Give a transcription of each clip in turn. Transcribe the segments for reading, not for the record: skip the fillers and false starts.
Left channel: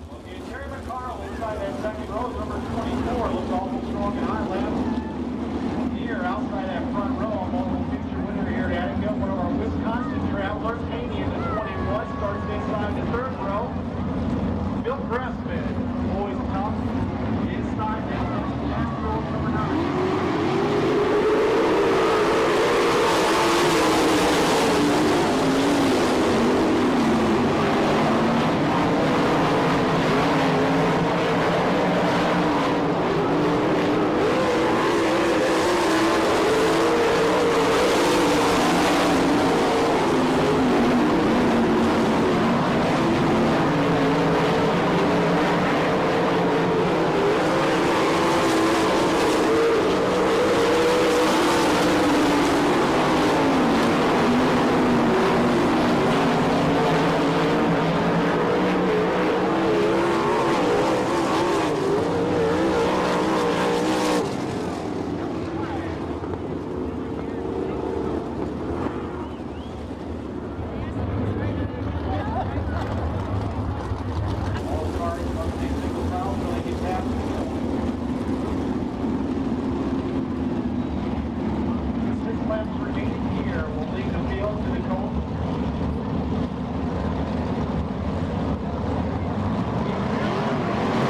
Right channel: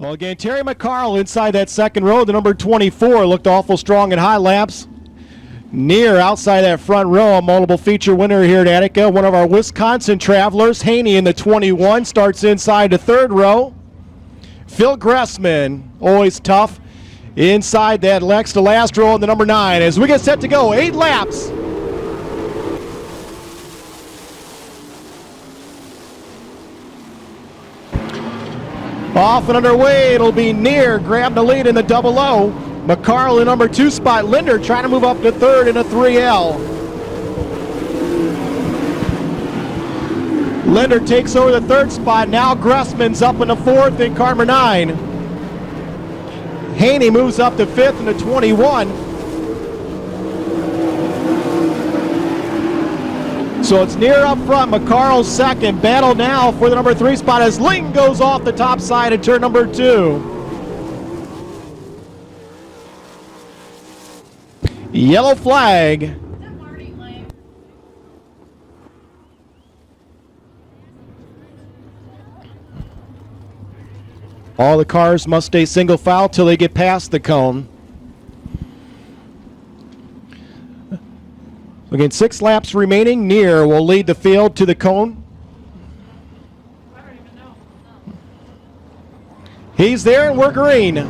Well, again, Terry McCarl inside that second row. The number 24 looked awful strong in high laps. Near outside that front row, a multiple feature winner here at Attica. One of our Wisconsin travelers, Haney in the 21, starts inside the third row. Phil Gressman, always tough, inside that Lex to last row in the number 9. As we get set to go, 8 laps. Off and underway, it'll be Near, grab the lead in the double O. McCarl in number 2 spot. Linder trying to move up to third in a 3L. Linder takes over the third spot. Now Gressman's up in the fourth in car number 9. Haney moves up to fifth in the 21. So it's Near up front, McCarl second. Battle now for the number 3 spot as Link goes off the top side in turn number 2. Yellow flag. All the cars must stay single file till they get past the cone. Again, 6 laps remaining. Near will lead the field to the cone. He's there and we're green.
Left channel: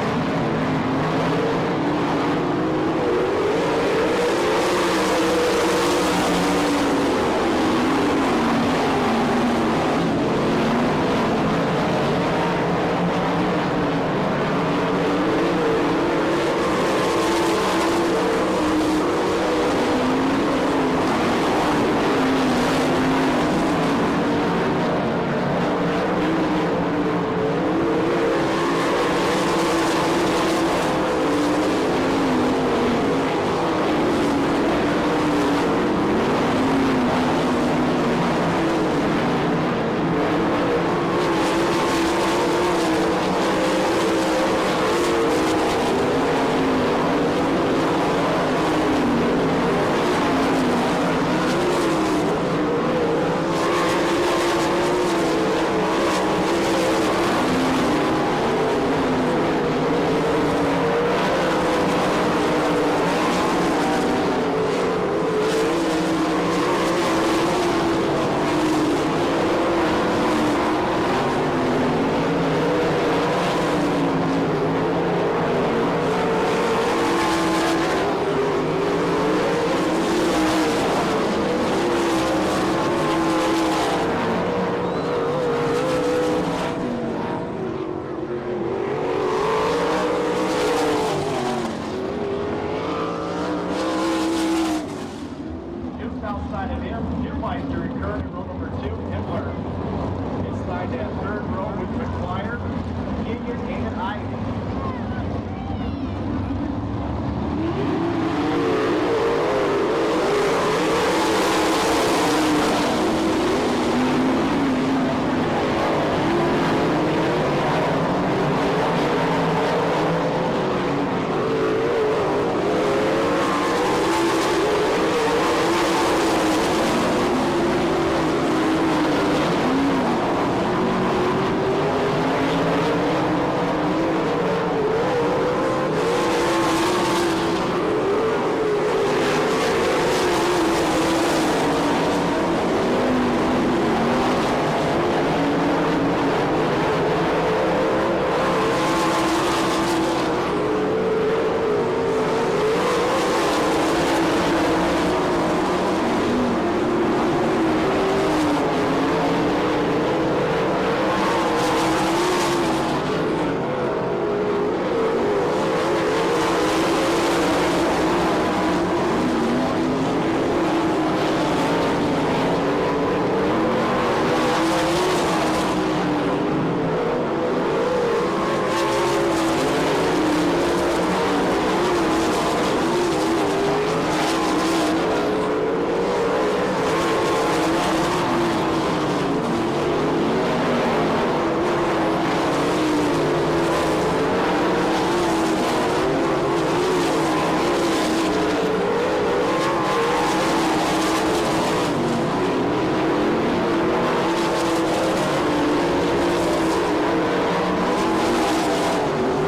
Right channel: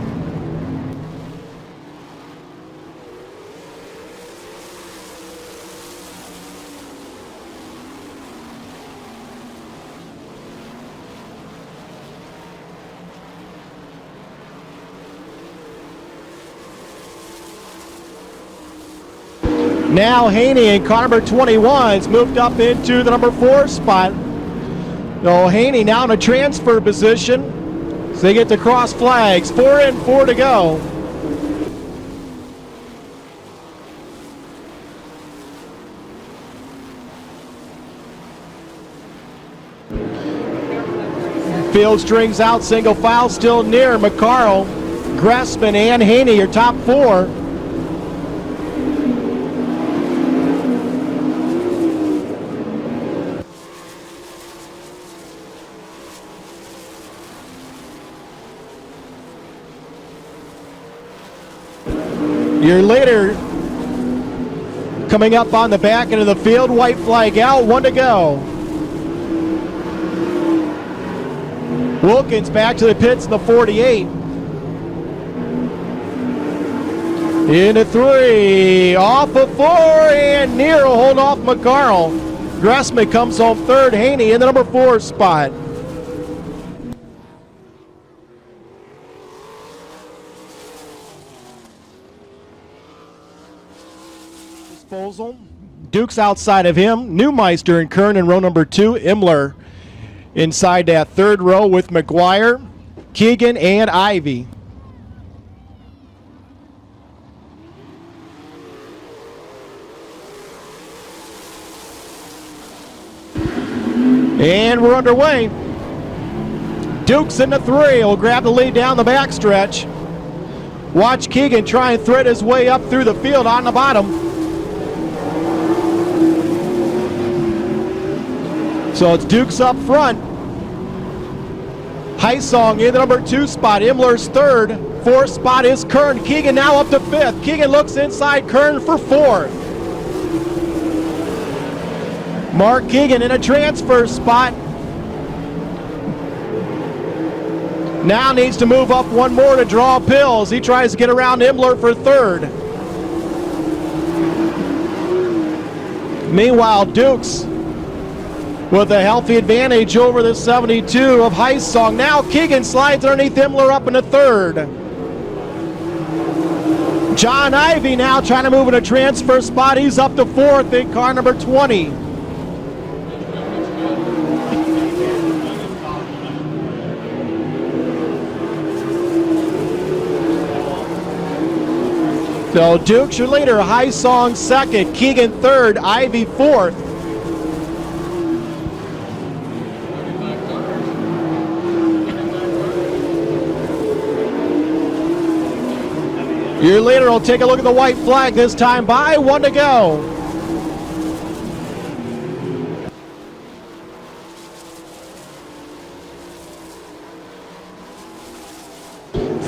Now Haney in car number 21's moved up into the number 4 spot. So Haney now in a transfer position. So they get to cross flags. 4 in, 4 to go. Field strings out, single foul still Near. McCarl, Gressman, and Haney are top 4. Year later, coming up on the back end of the field, white flag out, 1 to go. Wilkins back to the pits in the 48. Into 3, off of 4, and Near will hold off McCarl. Gressman comes home third, Haney in the number 4 spot. Duke's outside of him. Neumeister and Kern in row number 2. Imler inside that third row with McGuire, Keegan, and Ivy. And we're underway. Duke's in the 3. He'll grab the lead down the backstretch. Watch Keegan try and thread his way up through the field on the bottom. So it's Duke's up front. Heisong in the number 2 spot. Imler's third. 4th spot is Kern. Keegan now up to 5th. Keegan looks inside Kern for 4th. Mark Keegan in a transfer spot. Now needs to move up 1 more to draw pills. He tries to get around Imler for 3rd. Meanwhile, Duke's with a healthy advantage over the 72 of Heisong. Now Keegan slides underneath Imler up into 3rd. John Ivy now trying to move in a transfer spot. He's up to 4th in car number 20. So Duke's your leader, Heisong 2nd, Keegan 3rd, Ivy 4th. Your leader will take a look at the white flag this time by 1 to go.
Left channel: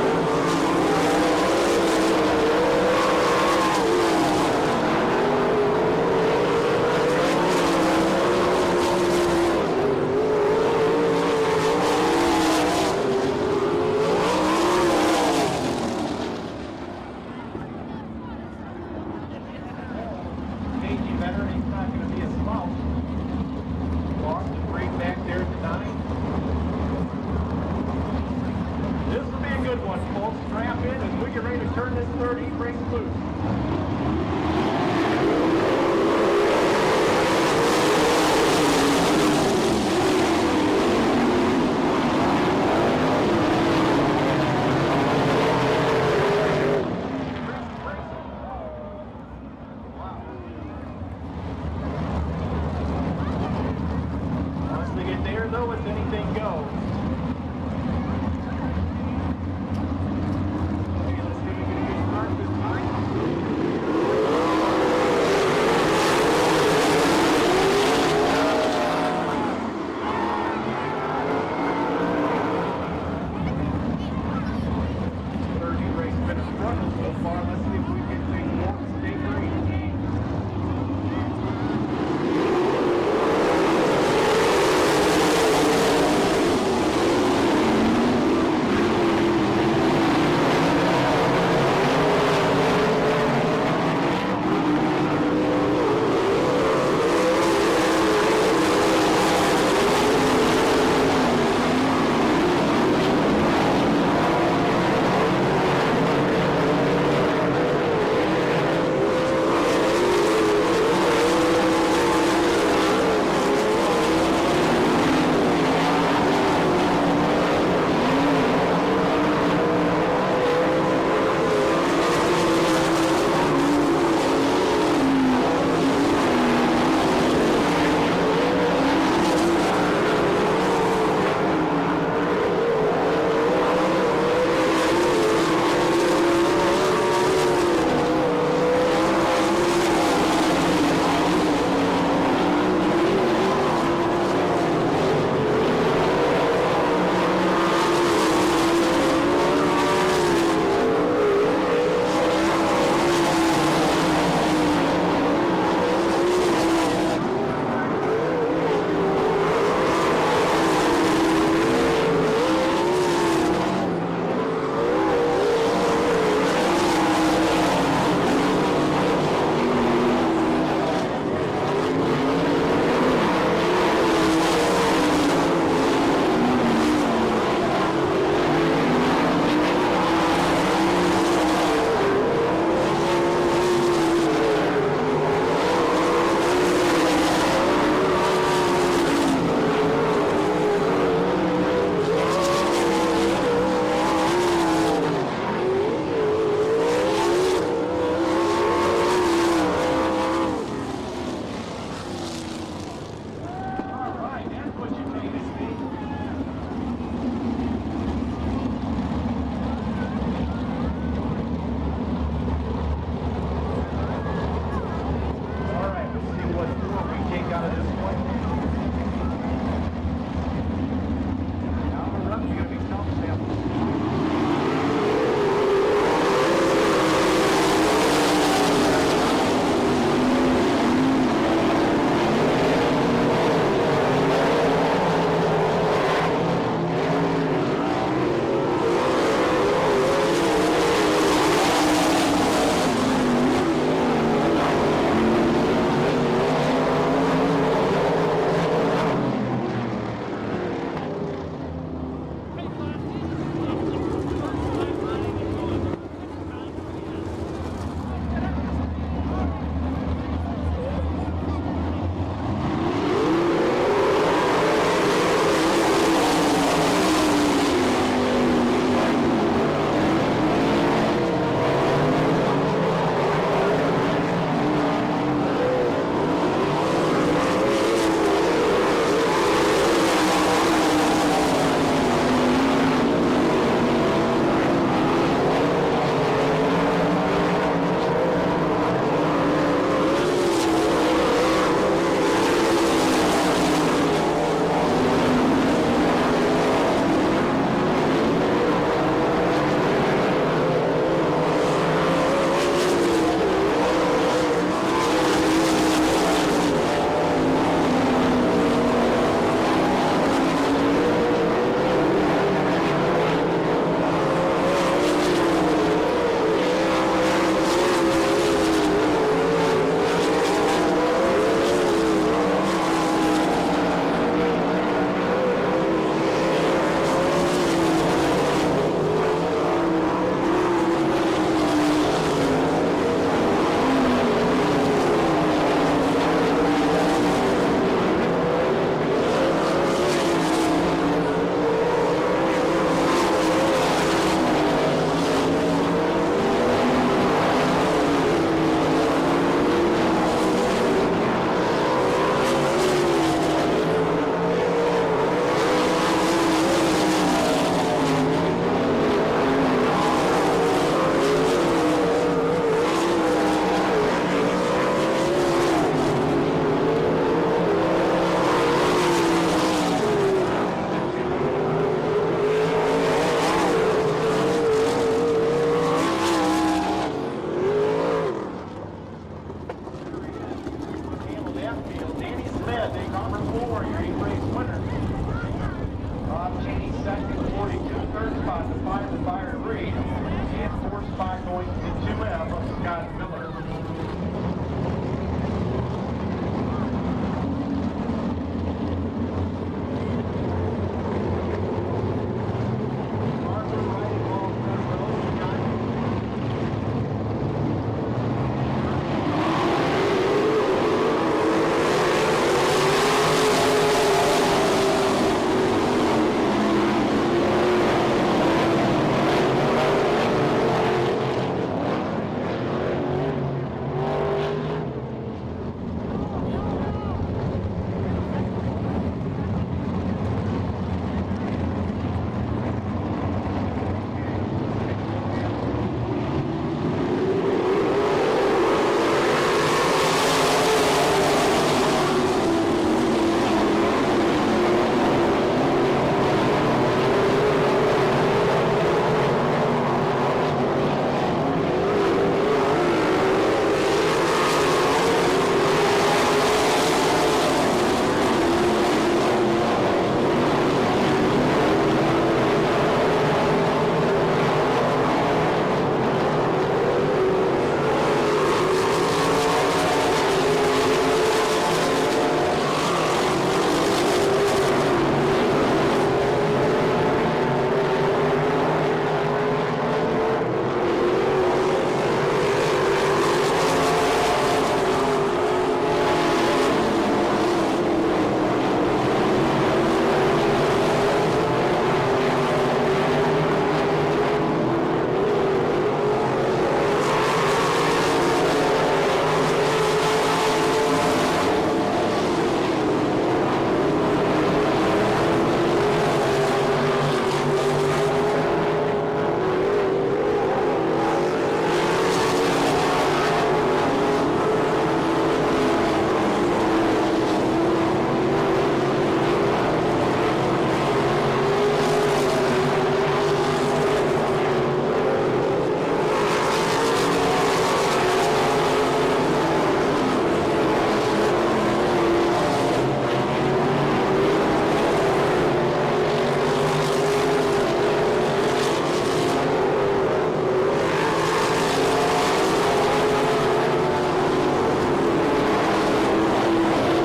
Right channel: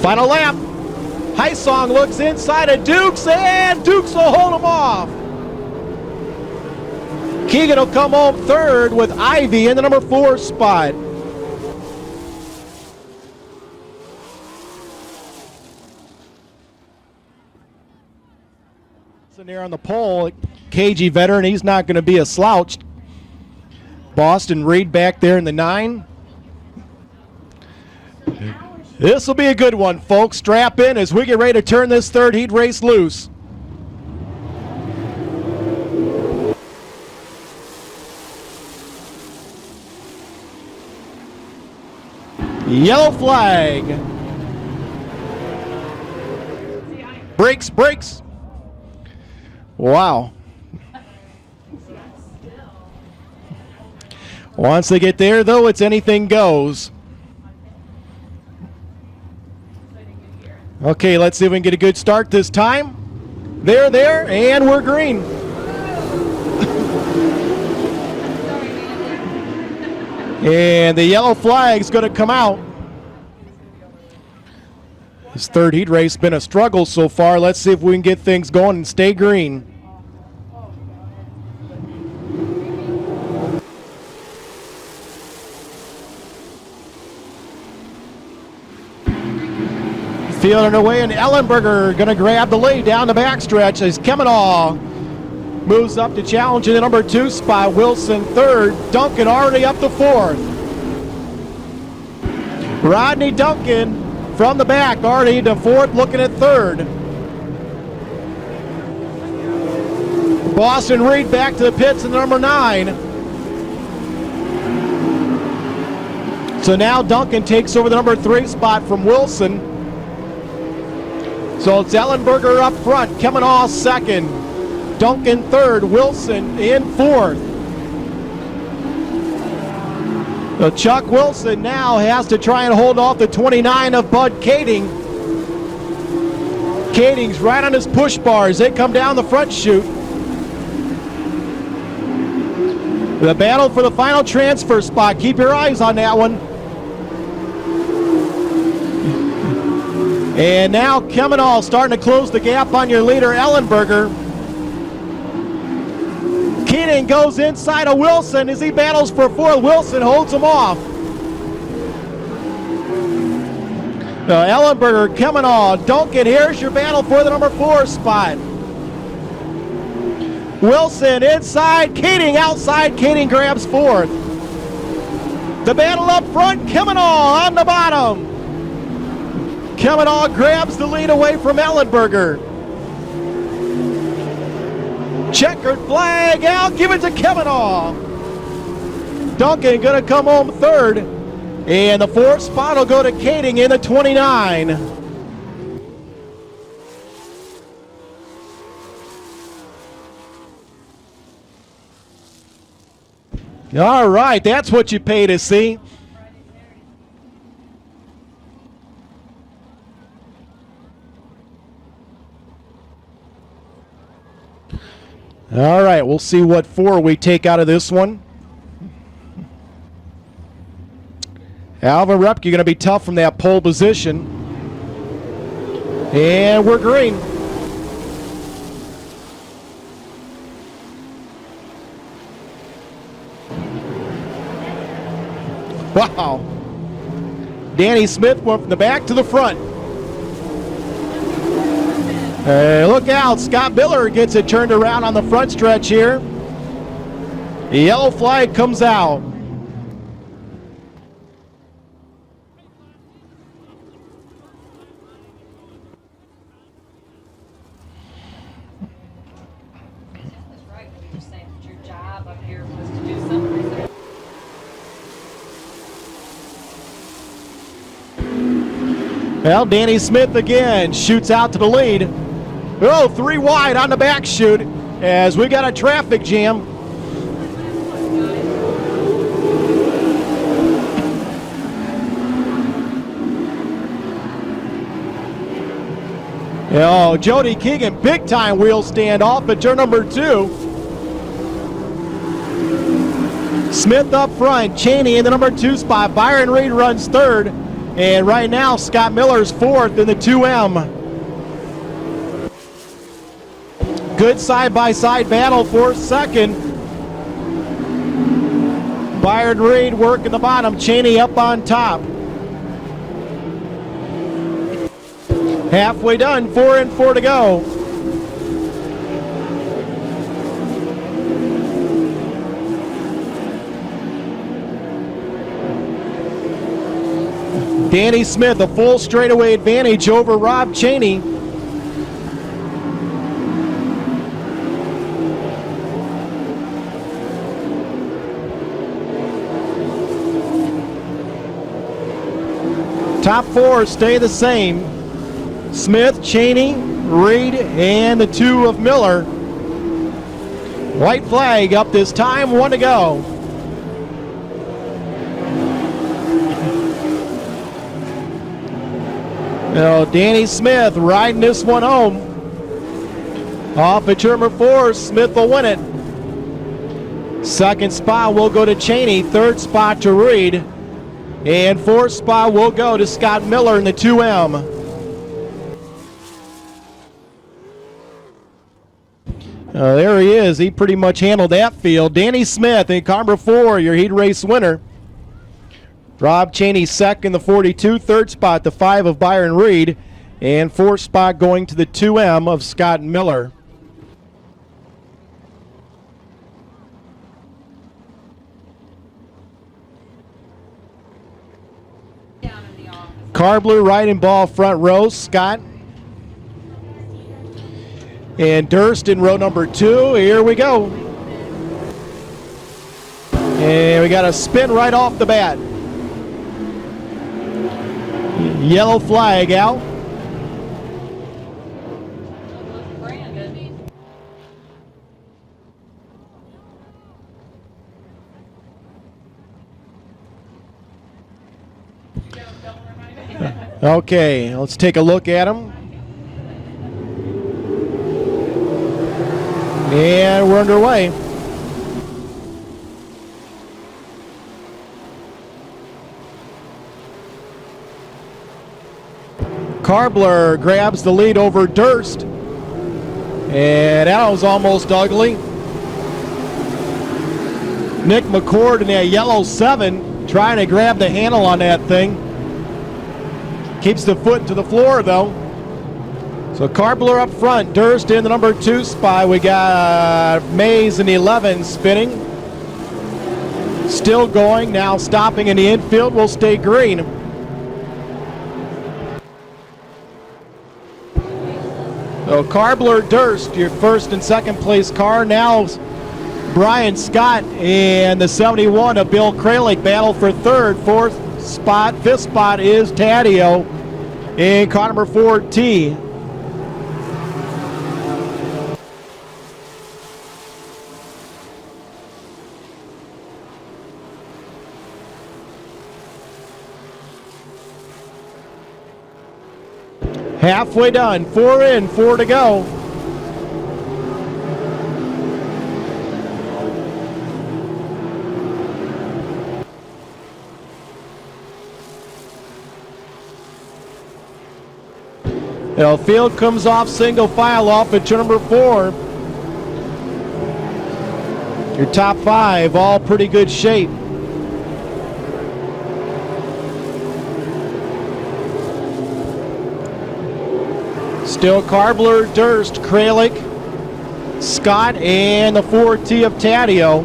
Final lap. Heisong looks inside at Dukes, and Dukes will hold him off. Keegan will come home third with Ivy in the number 4 spot. There on the pole, KG veteran, he's not going to be a slouch. Boston Reed back there in the 9. This will be a good one, folks. Strap in as we get ready to turn this third heat race loose. Yellow flag. Brakes, brakes. Wow. Once they get there, though, it's anything goes. Okay, let's see if we can get a good start this time. They're there, and we're green. And the yellow flag's going to come out. This third heat race has been a struggle so far. Let's see if we can get things going and stay green. Field underway, and Ellenberger going to grab the lead down the backstretch as Kemenah moves up to challenge in the number 2 spot. Wilson third, Duncan already up to 4th. Rodney Duncan from the back already to 4th, looking at 3rd. Boston Reed back to the pits in number 9. So now Duncan takes over the number 3 spot from Wilson. So it's Ellenberger up front, Kemenah second, Duncan third, Wilson in 4th. So Chuck Wilson now has to try and hold off the 29 of Bud Kading. Kading's right on his push bars. They come down the front chute. The battle for the final transfer spot. Keep your eyes on that one. And now Kemenah starting to close the gap on your leader, Ellenberger. Keating goes inside of Wilson as he battles for 4th. Wilson holds him off. Now Ellenberger, Kemenah, Duncan, here's your battle for the number 4 spot. Wilson inside, Keating outside, Keating grabs 4th. The battle up front, Kemenah on the bottom. Kemenah grabs the lead away from Ellenberger. Checkered flag out, give it to Kemenah. Duncan gonna come home 3rd. And the 4th spot will go to Kading in the 29. All right, that's what you pay to see. All right, we'll see what 4 we take out of this one. Alvin Repke going to be tough from that pole position. And we're green. Wow. Danny Smith went from the back to the front. Look out, Scott Miller gets it turned around on the front stretch here. The yellow flag comes out. Well, Danny Smith again shoots out to the lead. Oh, 3 wide on the back chute as we got a traffic jam. Oh, Jody Keegan, big time wheel standoff at turn number 2. Smith up front, Cheney in the number 2 spot. Byron Reed runs 3rd. And right now, Scott Miller's fourth in the 2M. Good side-by-side battle for second. Byron Reed working the bottom, Cheney up on top. Halfway done, 4 and 4 to go. Danny Smith, a full straightaway advantage over Rob Cheney. Top four stay the same. Smith, Cheney, Reed, and the 2 of Miller. White flag up this time, 1 to go. Now Danny Smith riding this one home. Off at turn number 4, Smith will win it. Second spot will go to Cheney, third spot to Reed. And fourth spot will go to Scott Miller in the 2M. There he is. He pretty much handled that field. Danny Smith in car number 4, your heat race winner. Rob Cheney second, the 42. Third spot, the 5 of Byron Reed. And fourth spot going to the 2M of Scott Miller. Carbler riding ball front row, Scott. And Durst in row number 2. Here we go. And we got a spin right off the bat. Yellow flag out. Okay, let's take a look at them. And we're underway. Carbler grabs the lead over Durst. And that was almost ugly. Nick McCord in that yellow 7 trying to grab the handle on that thing. Keeps the foot to the floor though. So Carbler up front, Durst in the number 2 spot. We got Mays in the 11 spinning. Still going, now stopping in the infield will stay green. So Carbler, Durst, your first and second place car. Now Brian Scott and the 71 of Bill Kralik battle for third. Fourth spot, fifth spot is Taddeo in car number 14. Halfway done, 4 in, 4 to go. Now field comes off single file off at turn number 4. Your top 5, all pretty good shape. Still Carbler, Durst, Kralik, Scott, and the 4T of Taddeo.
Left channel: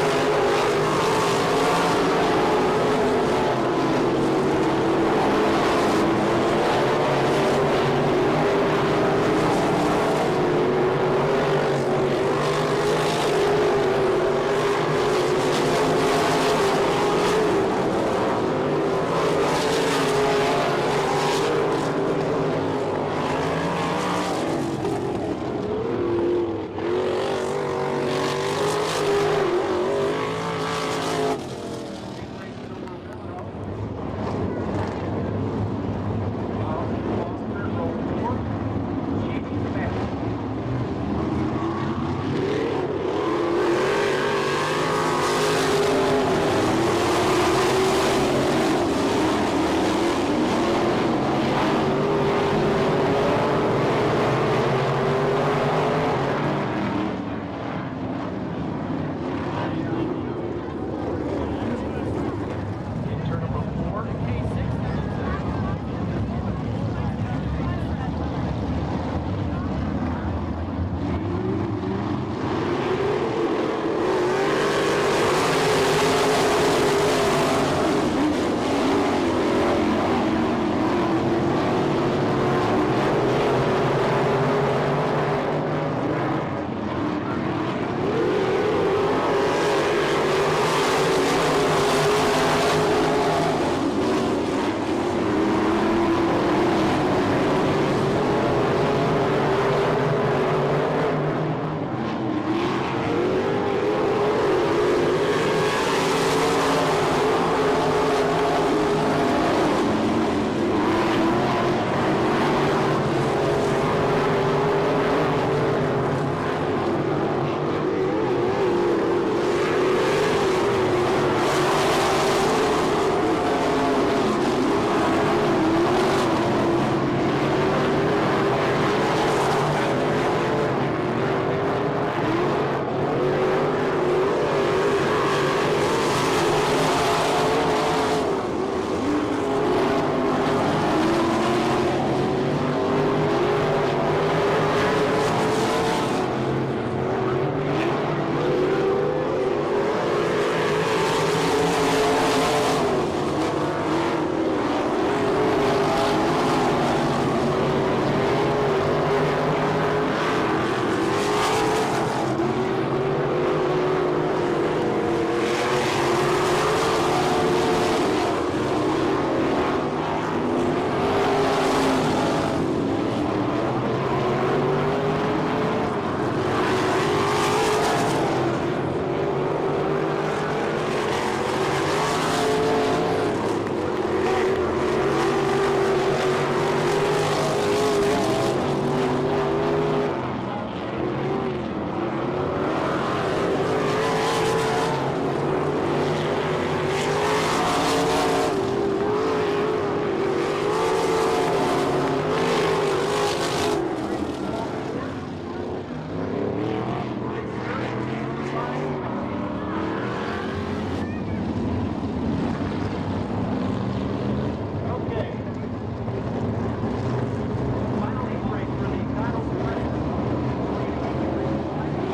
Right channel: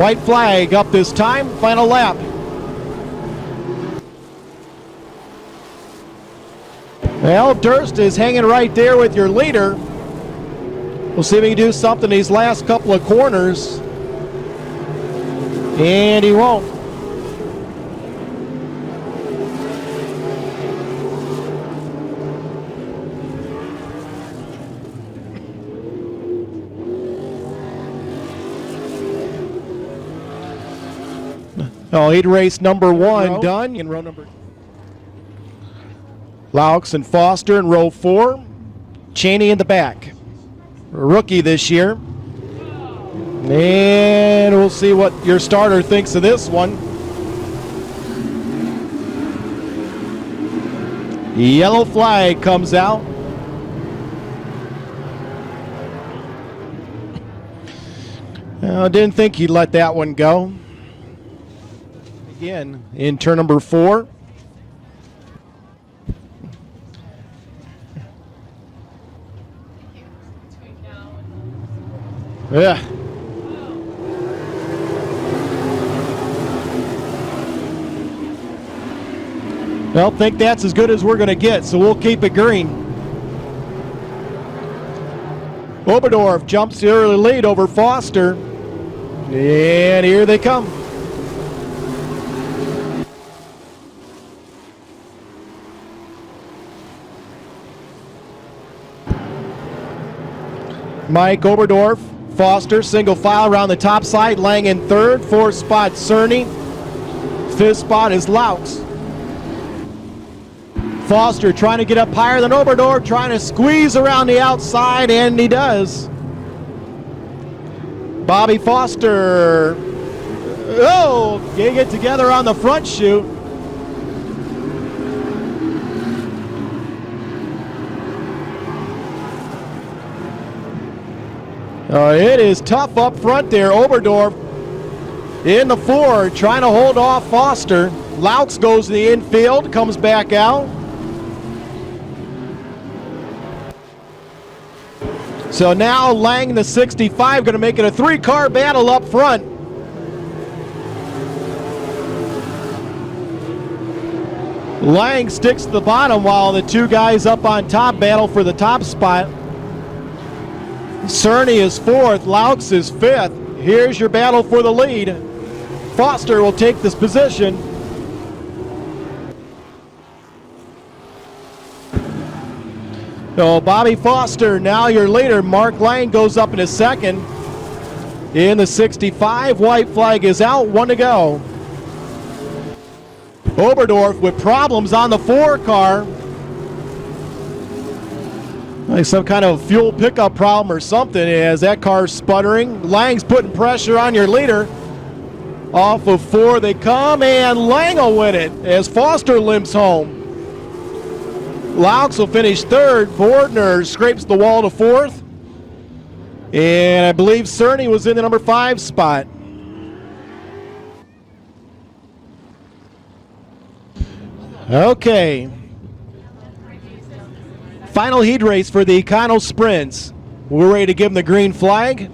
White flag up this time, final lap. Well, Durst is hanging right there with your leader. We'll see if he can do something these last couple of corners. And he won't. Oh, he'd race number 1 done. In row number Laux and Foster in row 4. Cheney in the back. A rookie this year. And we'll see what your starter thinks of this one. Yellow flag comes out. I didn't think he'd let that one go. Again, in turn number 4. Yeah. Well, think that's as good as we're going to get, so we'll keep it green. Oberdorf jumps the early lead over Foster. And here they come. Mike Oberdorf, Foster, single file around the top side. Lang in third, 4th spot Cerny. 5th spot is Louts. Foster trying to get up higher than Oberdorf, trying to squeeze around the outside, and he does. Bobby Foster, getting it together on the front chute. It is tough up front there. Oberdorf in the 4, trying to hold off Foster. Louts goes to the infield, comes back out. So now Lang, the 65, going to make it a 3-car battle up front. Lang sticks to the bottom while the 2 guys up on top battle for the top spot. Cerny is 4th, Louts is 5th. Here's your battle for the lead. Foster will take this position. So Bobby Foster, now your leader. Mark Lang goes up into 2nd. In the 65, white flag is out, 1 to go. Oberdorf with problems on the 4 car. Like some kind of fuel pickup problem or something as that car's sputtering. Lang's putting pressure on your leader. Off of 4 they come, and Lang will win it as Foster limps home. Louts will finish 3rd. Bordner scrapes the wall to 4th. And I believe Cerny was in the number 5 spot. Okay. Final heat race for the Econo Sprints. We're ready to give them the green flag.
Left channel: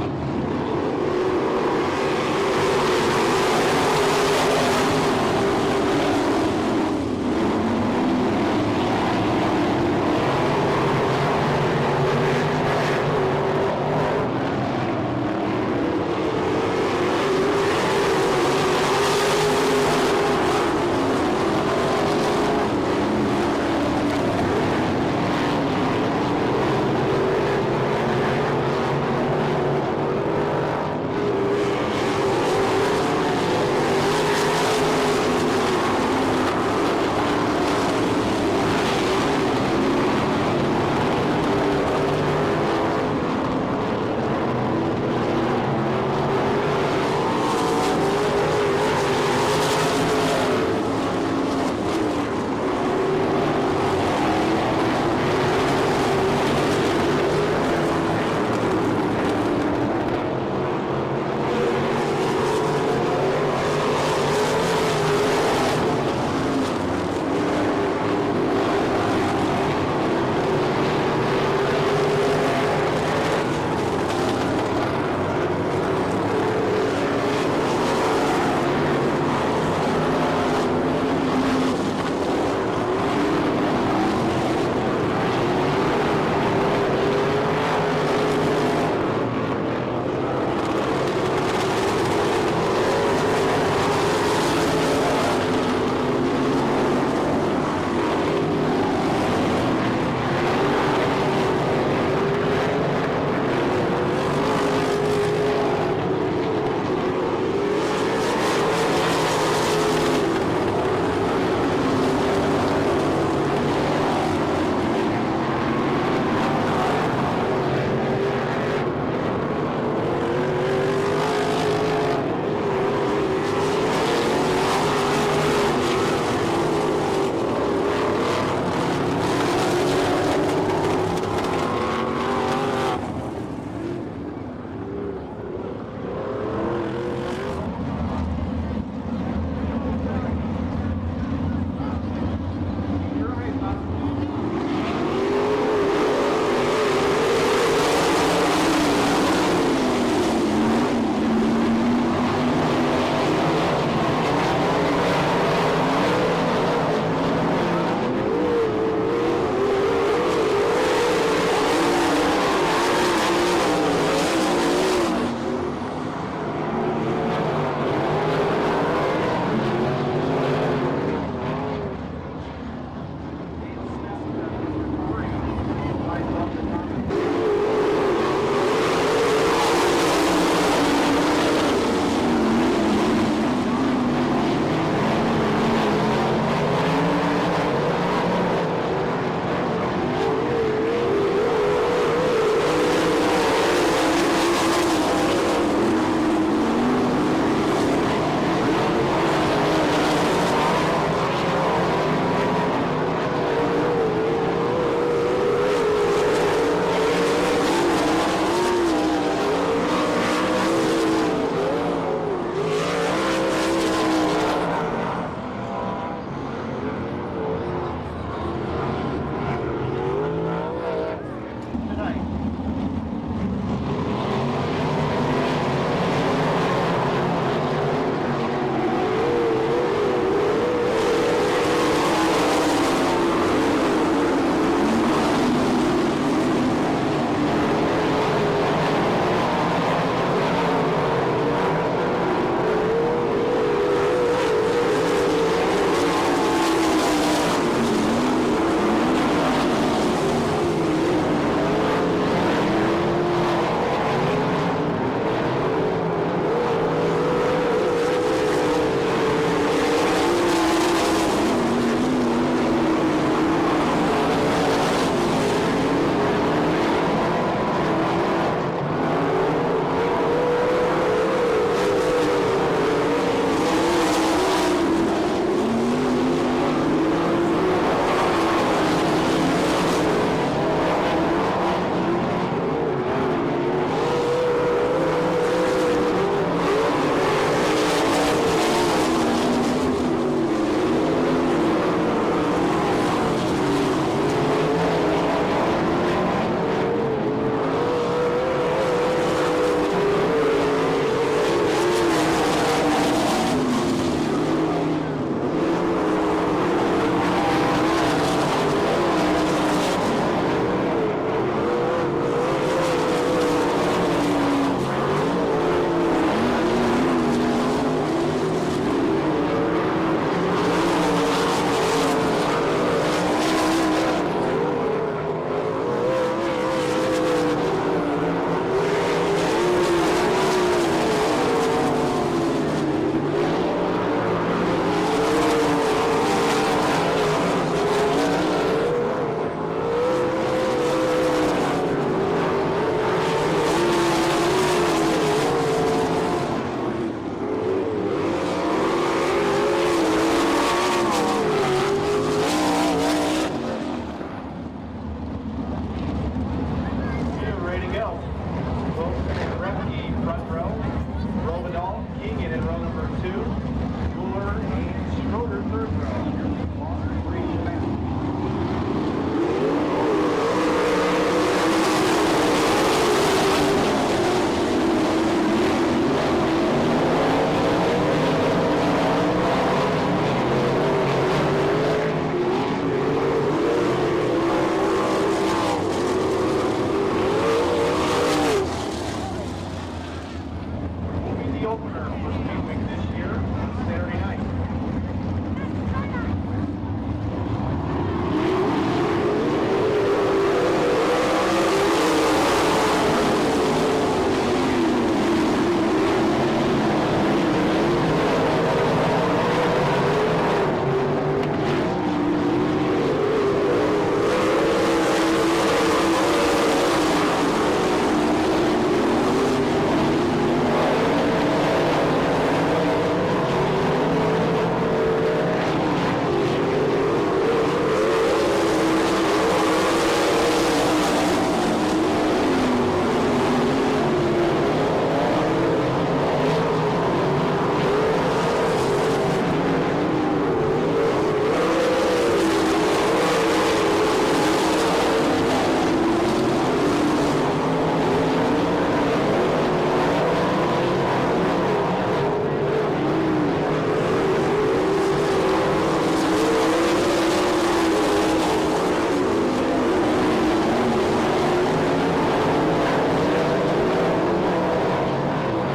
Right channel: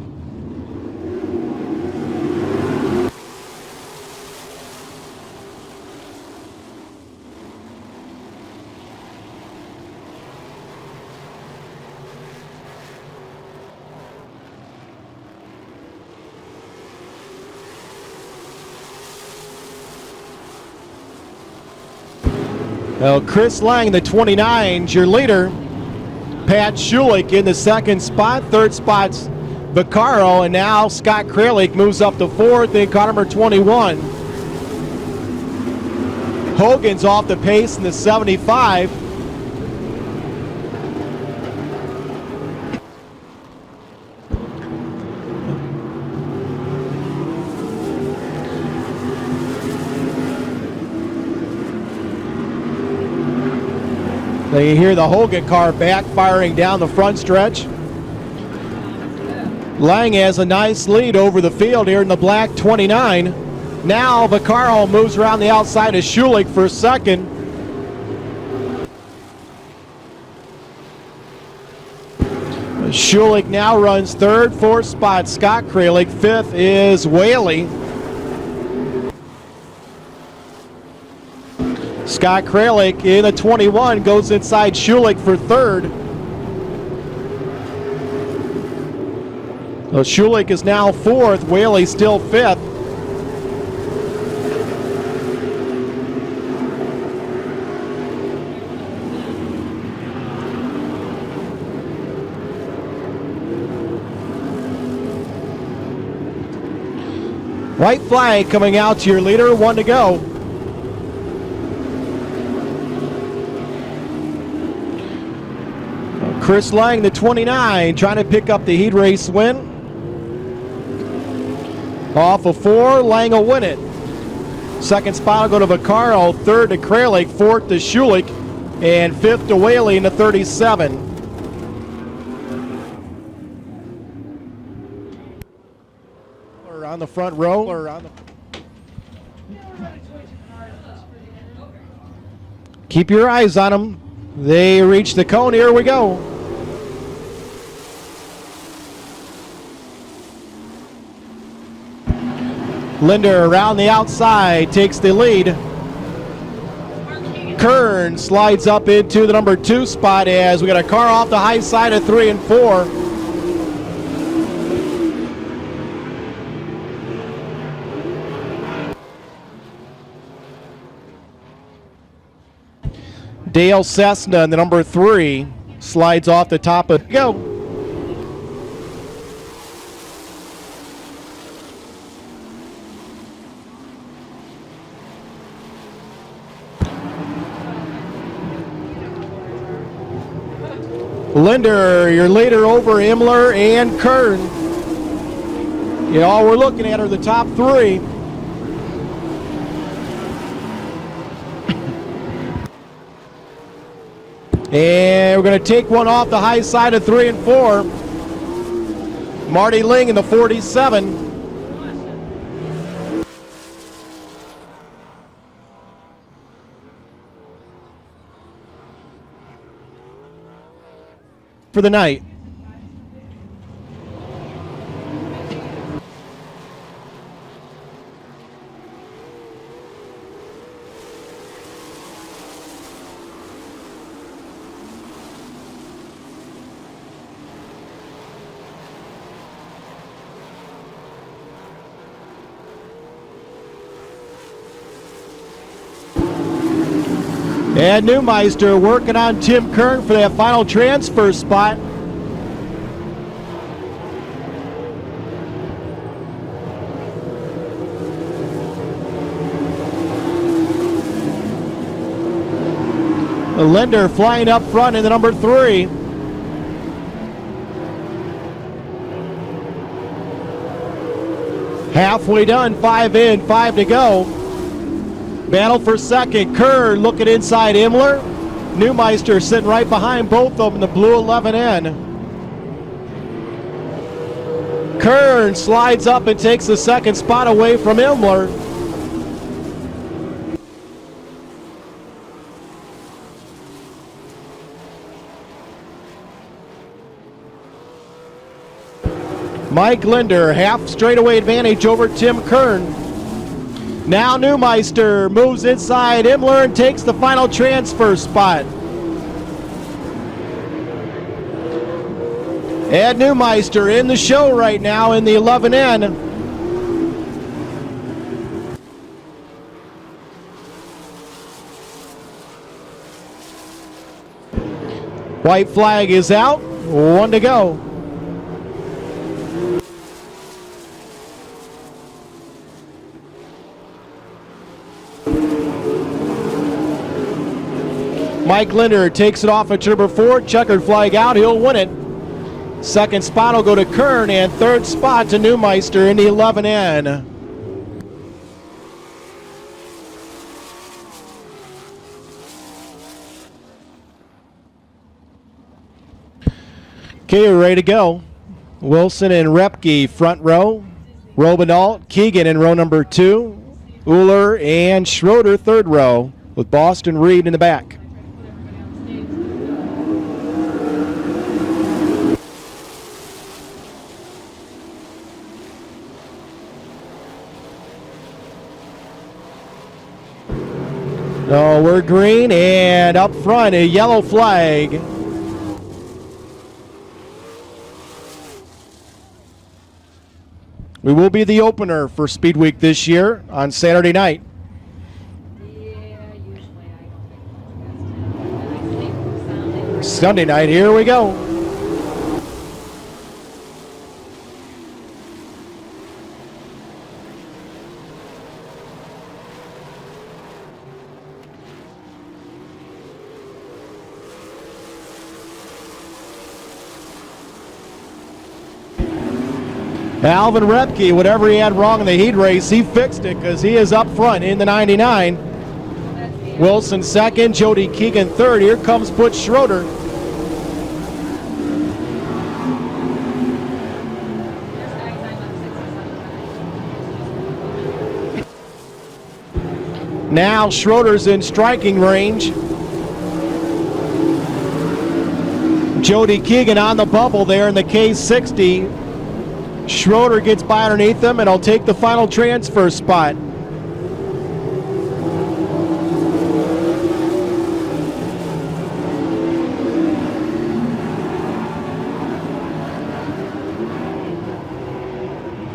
Well, Chris Lang, the 29, your leader. Pat Schulich in the 2nd spot. 3rd spot's Vaccaro, and now Scott Kralik moves up to 4th in car number 21. Hogan's off the pace in the 75. You hear the Hogan car backfiring down the front stretch. Lang has a nice lead over the field here in the black 29. Now Vaccaro moves around the outside of Schulich for 2nd. Schulich now runs 3rd, 4th spot Scott Kralik. 5th is Whaley. Scott Kralik in a 21 goes inside Schulich for 3rd. Well, Schulich is now 4th. Whaley still 5th. White flag coming out to your leader, 1 to go. Chris Lang, the 29, trying to pick up the heat race win. Off of 4, Lang will win it. Second spot will go to Vaccaro, third to Kralik, fourth to Schulich, and fifth to Whaley in the 37. On the front row. Keep your eyes on them. They reach the cone. Here we go. Linder around the outside takes the lead. Kern slides up into the number 2 spot as we got a car off the high side of 3 and 4. Dale Cessna in the number 3 slides off the top of go. Linder, your leader over Imler and Kern. All we're looking at are the top 3. And we're going to take one off the high side of 3 and 4. Marty Ling in the 47. For the night. And Neumeister working on Tim Kern for that final transfer spot. Linder flying up front in the number 3. Halfway done, 5 in, 5 to go. Battle for second. Kern looking inside Imler. Neumeister sitting right behind both of them, the blue 11N. Kern slides up and takes the second spot away from Imler. Mike Linder, half straightaway advantage over Tim Kern. Now Neumeister moves inside Imler and takes the final transfer spot. And Neumeister in the show right now in the 11N. White flag is out, 1 to go. Mike Linder takes it off at number 4, checkered flag out, he'll win it. Second spot will go to Kern, and third spot to Neumeister in the 11N. Okay, we're ready to go. Wilson and Repke front row. Robinalt, Keegan in row number 2. Uhler and Schroeder third row, with Boston Reed in the back. No, we're green, and up front a yellow flag. We will be the opener for Speed Week this year on Saturday night. Sunday night, here we go. Alvin Repke, whatever he had wrong in the heat race, he fixed it because he is up front in the 99. Wilson second, Jody Keegan third. Here comes Butch Schroeder. Now Schroeder's in striking range. Jody Keegan on the bubble there in the K60. Schroeder gets by underneath them and will take the final transfer spot.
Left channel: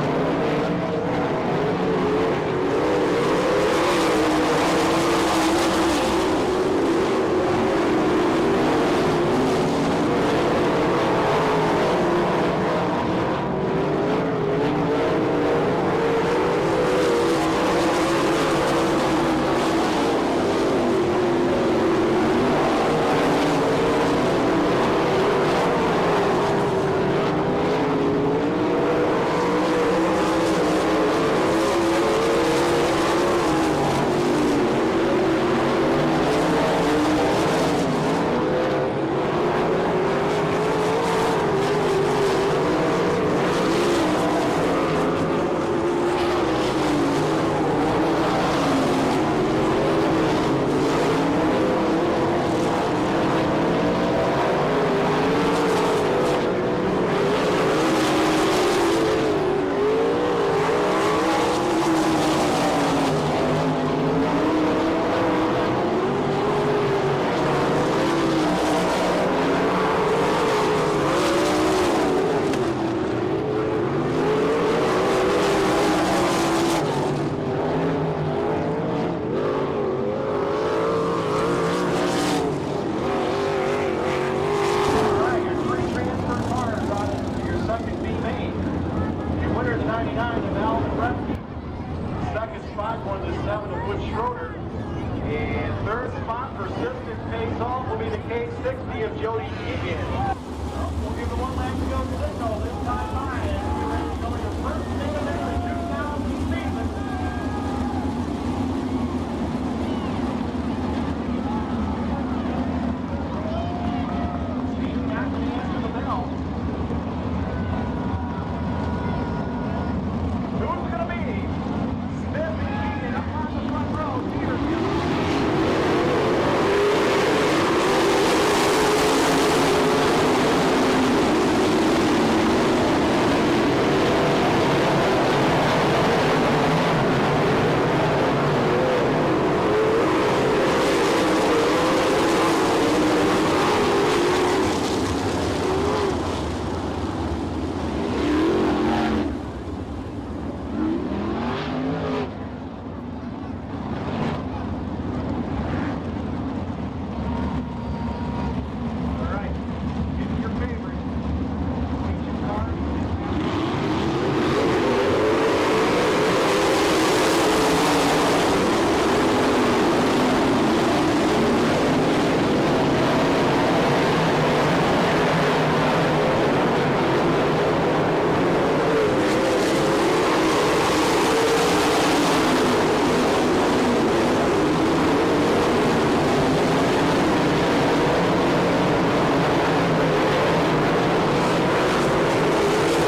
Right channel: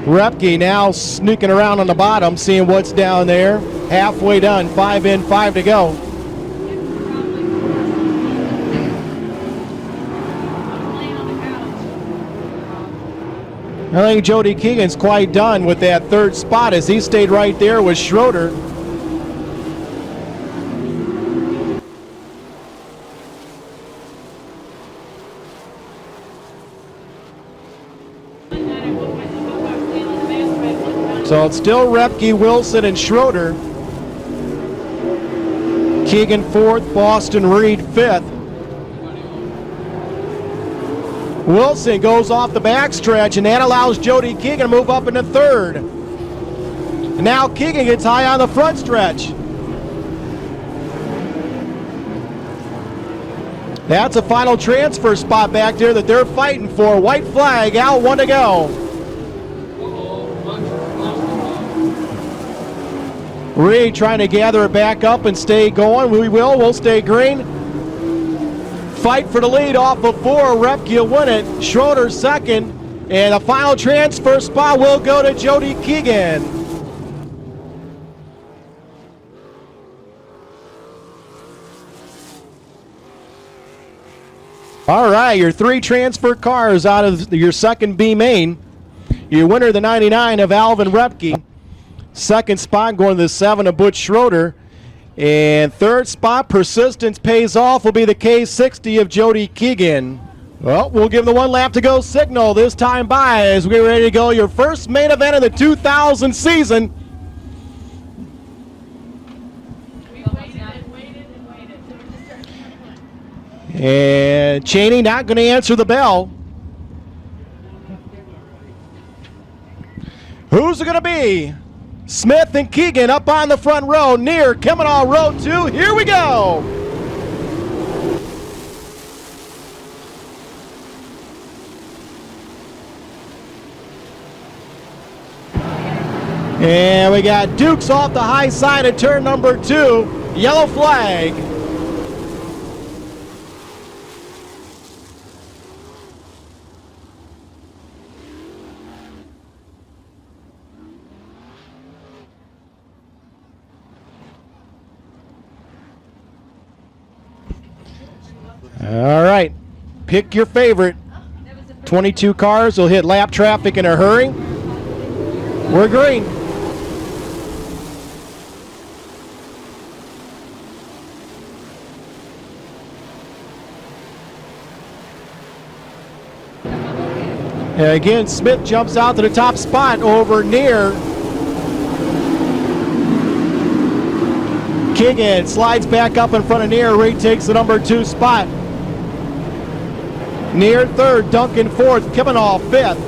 Repke now sneaking around on the bottom, seeing what's down there. Halfway done, 5 in, 5 to go. I think Jody Keegan's quite done with that third spot as he stayed right there with Schroeder. So it's still Repke, Wilson, and Schroeder. Keegan fourth, Boston Reed fifth. Wilson goes off the backstretch, and that allows Jody Keegan to move up into third. Now Keegan gets high on the front stretch. That's a final transfer spot back there that they're fighting for. White flag, out, 1 to go. Reed trying to gather it back up and stay going. We'll stay green. Fight for the lead off of 4. Repke will win it. Schroeder second. And the final transfer spot will go to Jody Keegan. All right, your 3 transferred cars out of your second B main. Your winner, the 99 of Alvin Repke. Second spot going to the 7 of Butch Schroeder. And third spot, persistence pays off, will be the K60 of Jody Keegan. Well, we'll give the 1 lap to go signal this time by as we're ready to go. Your first main event of the 2000 season. And Cheney not going to answer the bell. Who's it going to be? Smith and Keegan up on the front row, near Kemmenaugh row 2. Here we go. And we got Dukes off the high side of turn number 2. Yellow flag. All right, pick your favorite. 22 cars will hit lap traffic in a hurry. We're green. And again, Smith jumps out to the top spot over near. Keegan slides back up in front of Near. Reed takes the number 2 spot. Near third, Duncan fourth, Kemmenaugh fifth.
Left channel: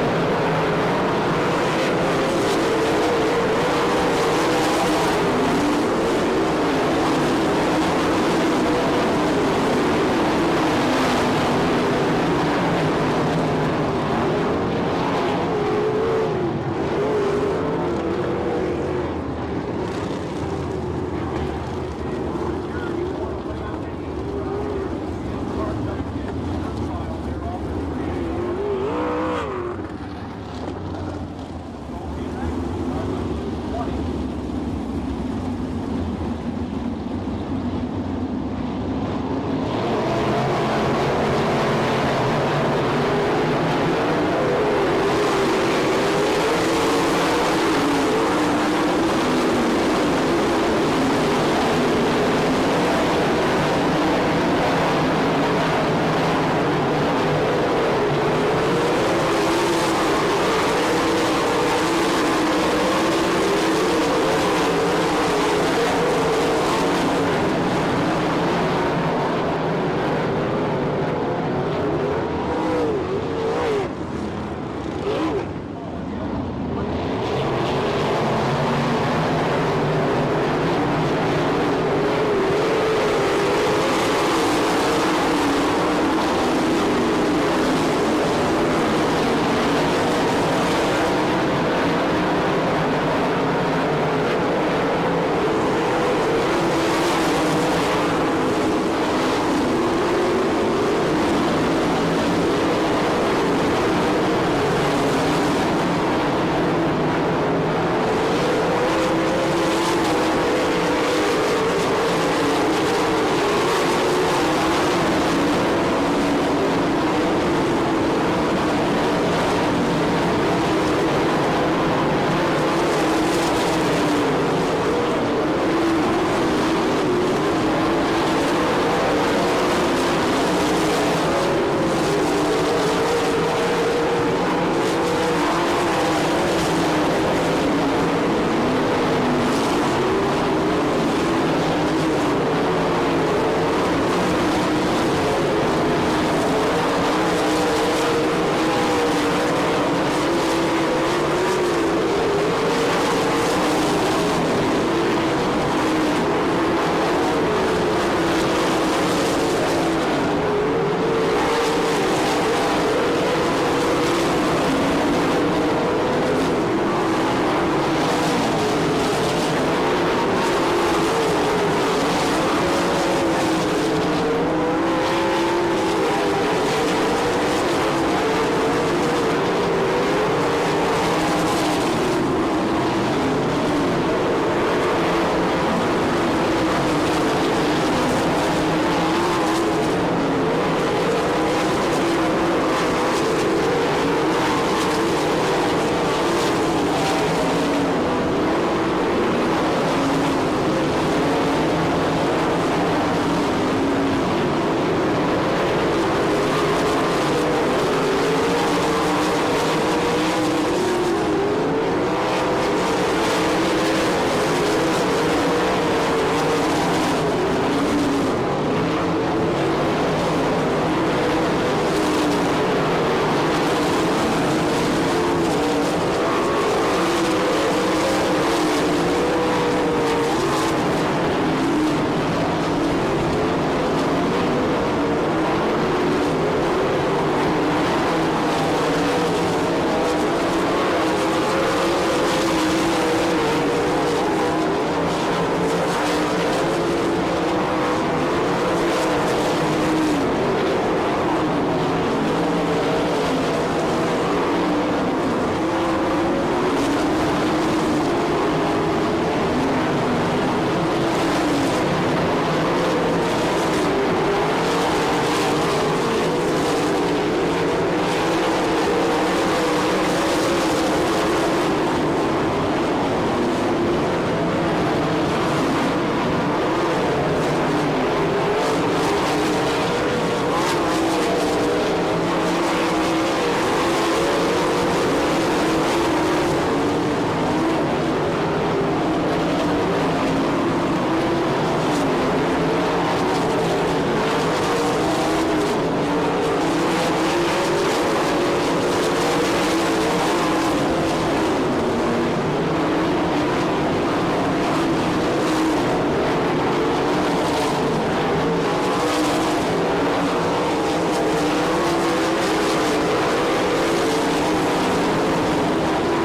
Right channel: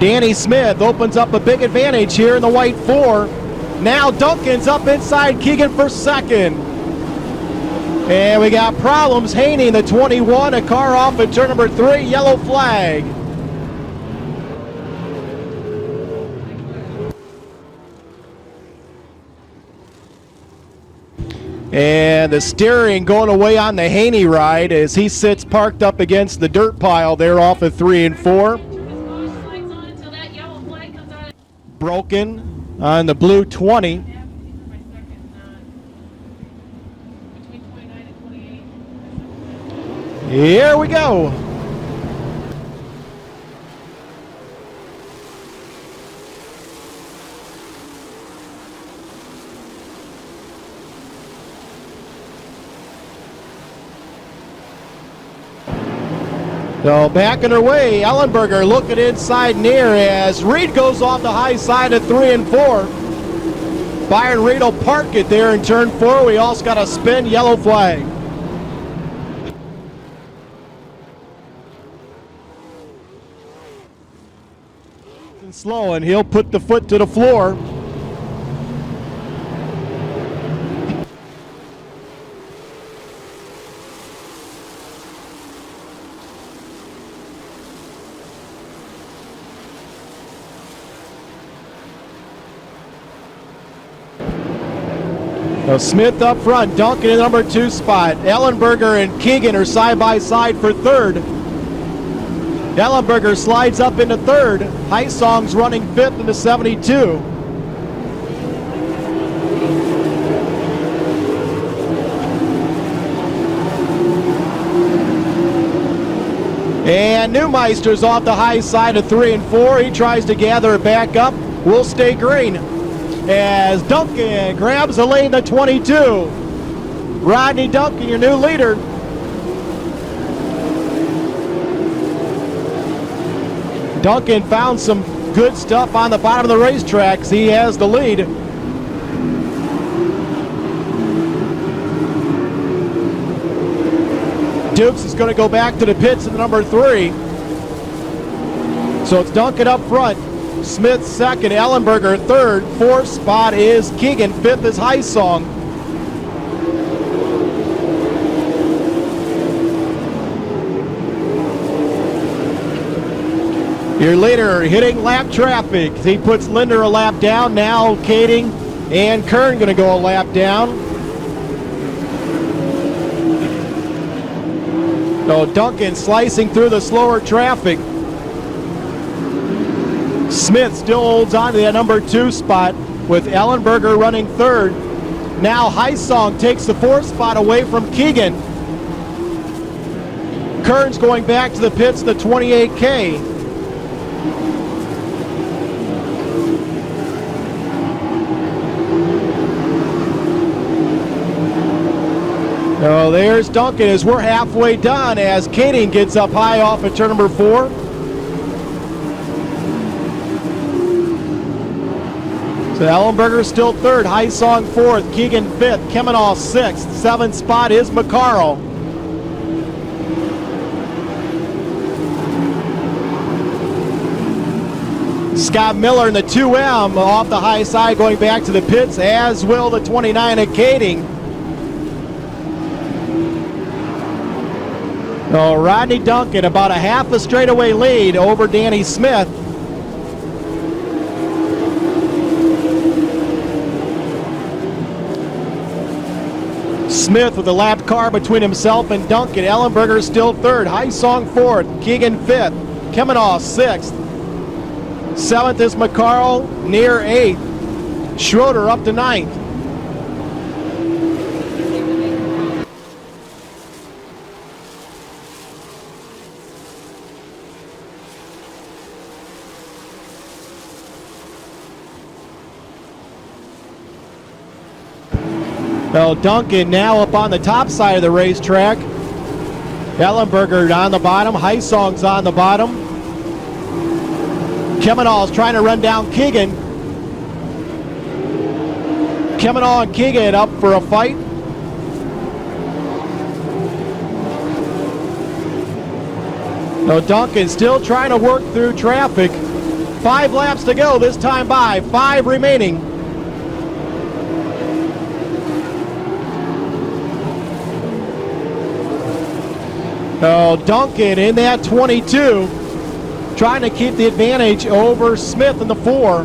Danny Smith opens up a big advantage here in the white 4. Now Duncan's up inside Keegan for second. And we got problems. Haney, the 21, a car off at turn number 3, yellow flag. And the steering going away on the Haney ride as he sits parked up against the dirt pile there off of 3 and 4. Broken on the blue 20. Here we go. So back in her way, Ellenberger looking inside near as Reed goes off the high side at 3 and 4. Byron Reed will park it there in turn 4. We also got a spin, yellow flag. Slow, and he'll put the foot to the floor. Smith up front, Duncan in number 2 spot. Ellenberger and Keegan are side by side for 3rd. Ellenberger slides up into 3rd. Heisong's running 5th into 72. And Neumeister's off the high side of 3 and 4. He tries to gather it back up. Will stay green. As Duncan grabs the lead at 22. Rodney Duncan, your new leader. Duncan found some good stuff on the bottom of the racetracks. He has the lead. Dukes is going to go back to the pits at number 3. So Duncan up front. Smith 2nd, Ellenberger 3rd, 4th spot is Keegan, 5th is Heisong. Your leader hitting lap traffic. He puts Linder a lap down. Now Kading and Kern going to go a lap down. So Duncan slicing through the slower traffic. Smith still holds on to that number 2 spot with Ellenberger running 3rd. Now Heisong takes the 4th spot away from Keegan. Kern's going back to the pits at the 28K. So there's Duncan as we're halfway done as Kading gets up high off of turn number 4. So Ellenberger still 3rd, Heisong 4th, Keegan 5th, Kemenoff 6th, 7th spot is McCarl. Scott Miller in the 2M off the high side going back to the pits, as will the 29 of Kading. So Rodney Duncan about a half a straightaway lead over Danny Smith. Smith with a lap car between himself and Duncan. Ellenberger still 3rd, Heisong 4th, Keegan 5th, Kemenoff 6th. 7th is McCarl, near 8th. Schroeder up to 9th. So Duncan now up on the top side of the racetrack. Ellenberger on the bottom. Heisong's on the bottom. Kemenoff's trying to run down Keegan. Kemenoff and Keegan up for a fight. So Duncan still trying to work through traffic. 5 laps to go this time by. 5 remaining. So Duncan in that 22, trying to keep the advantage over Smith in the 4.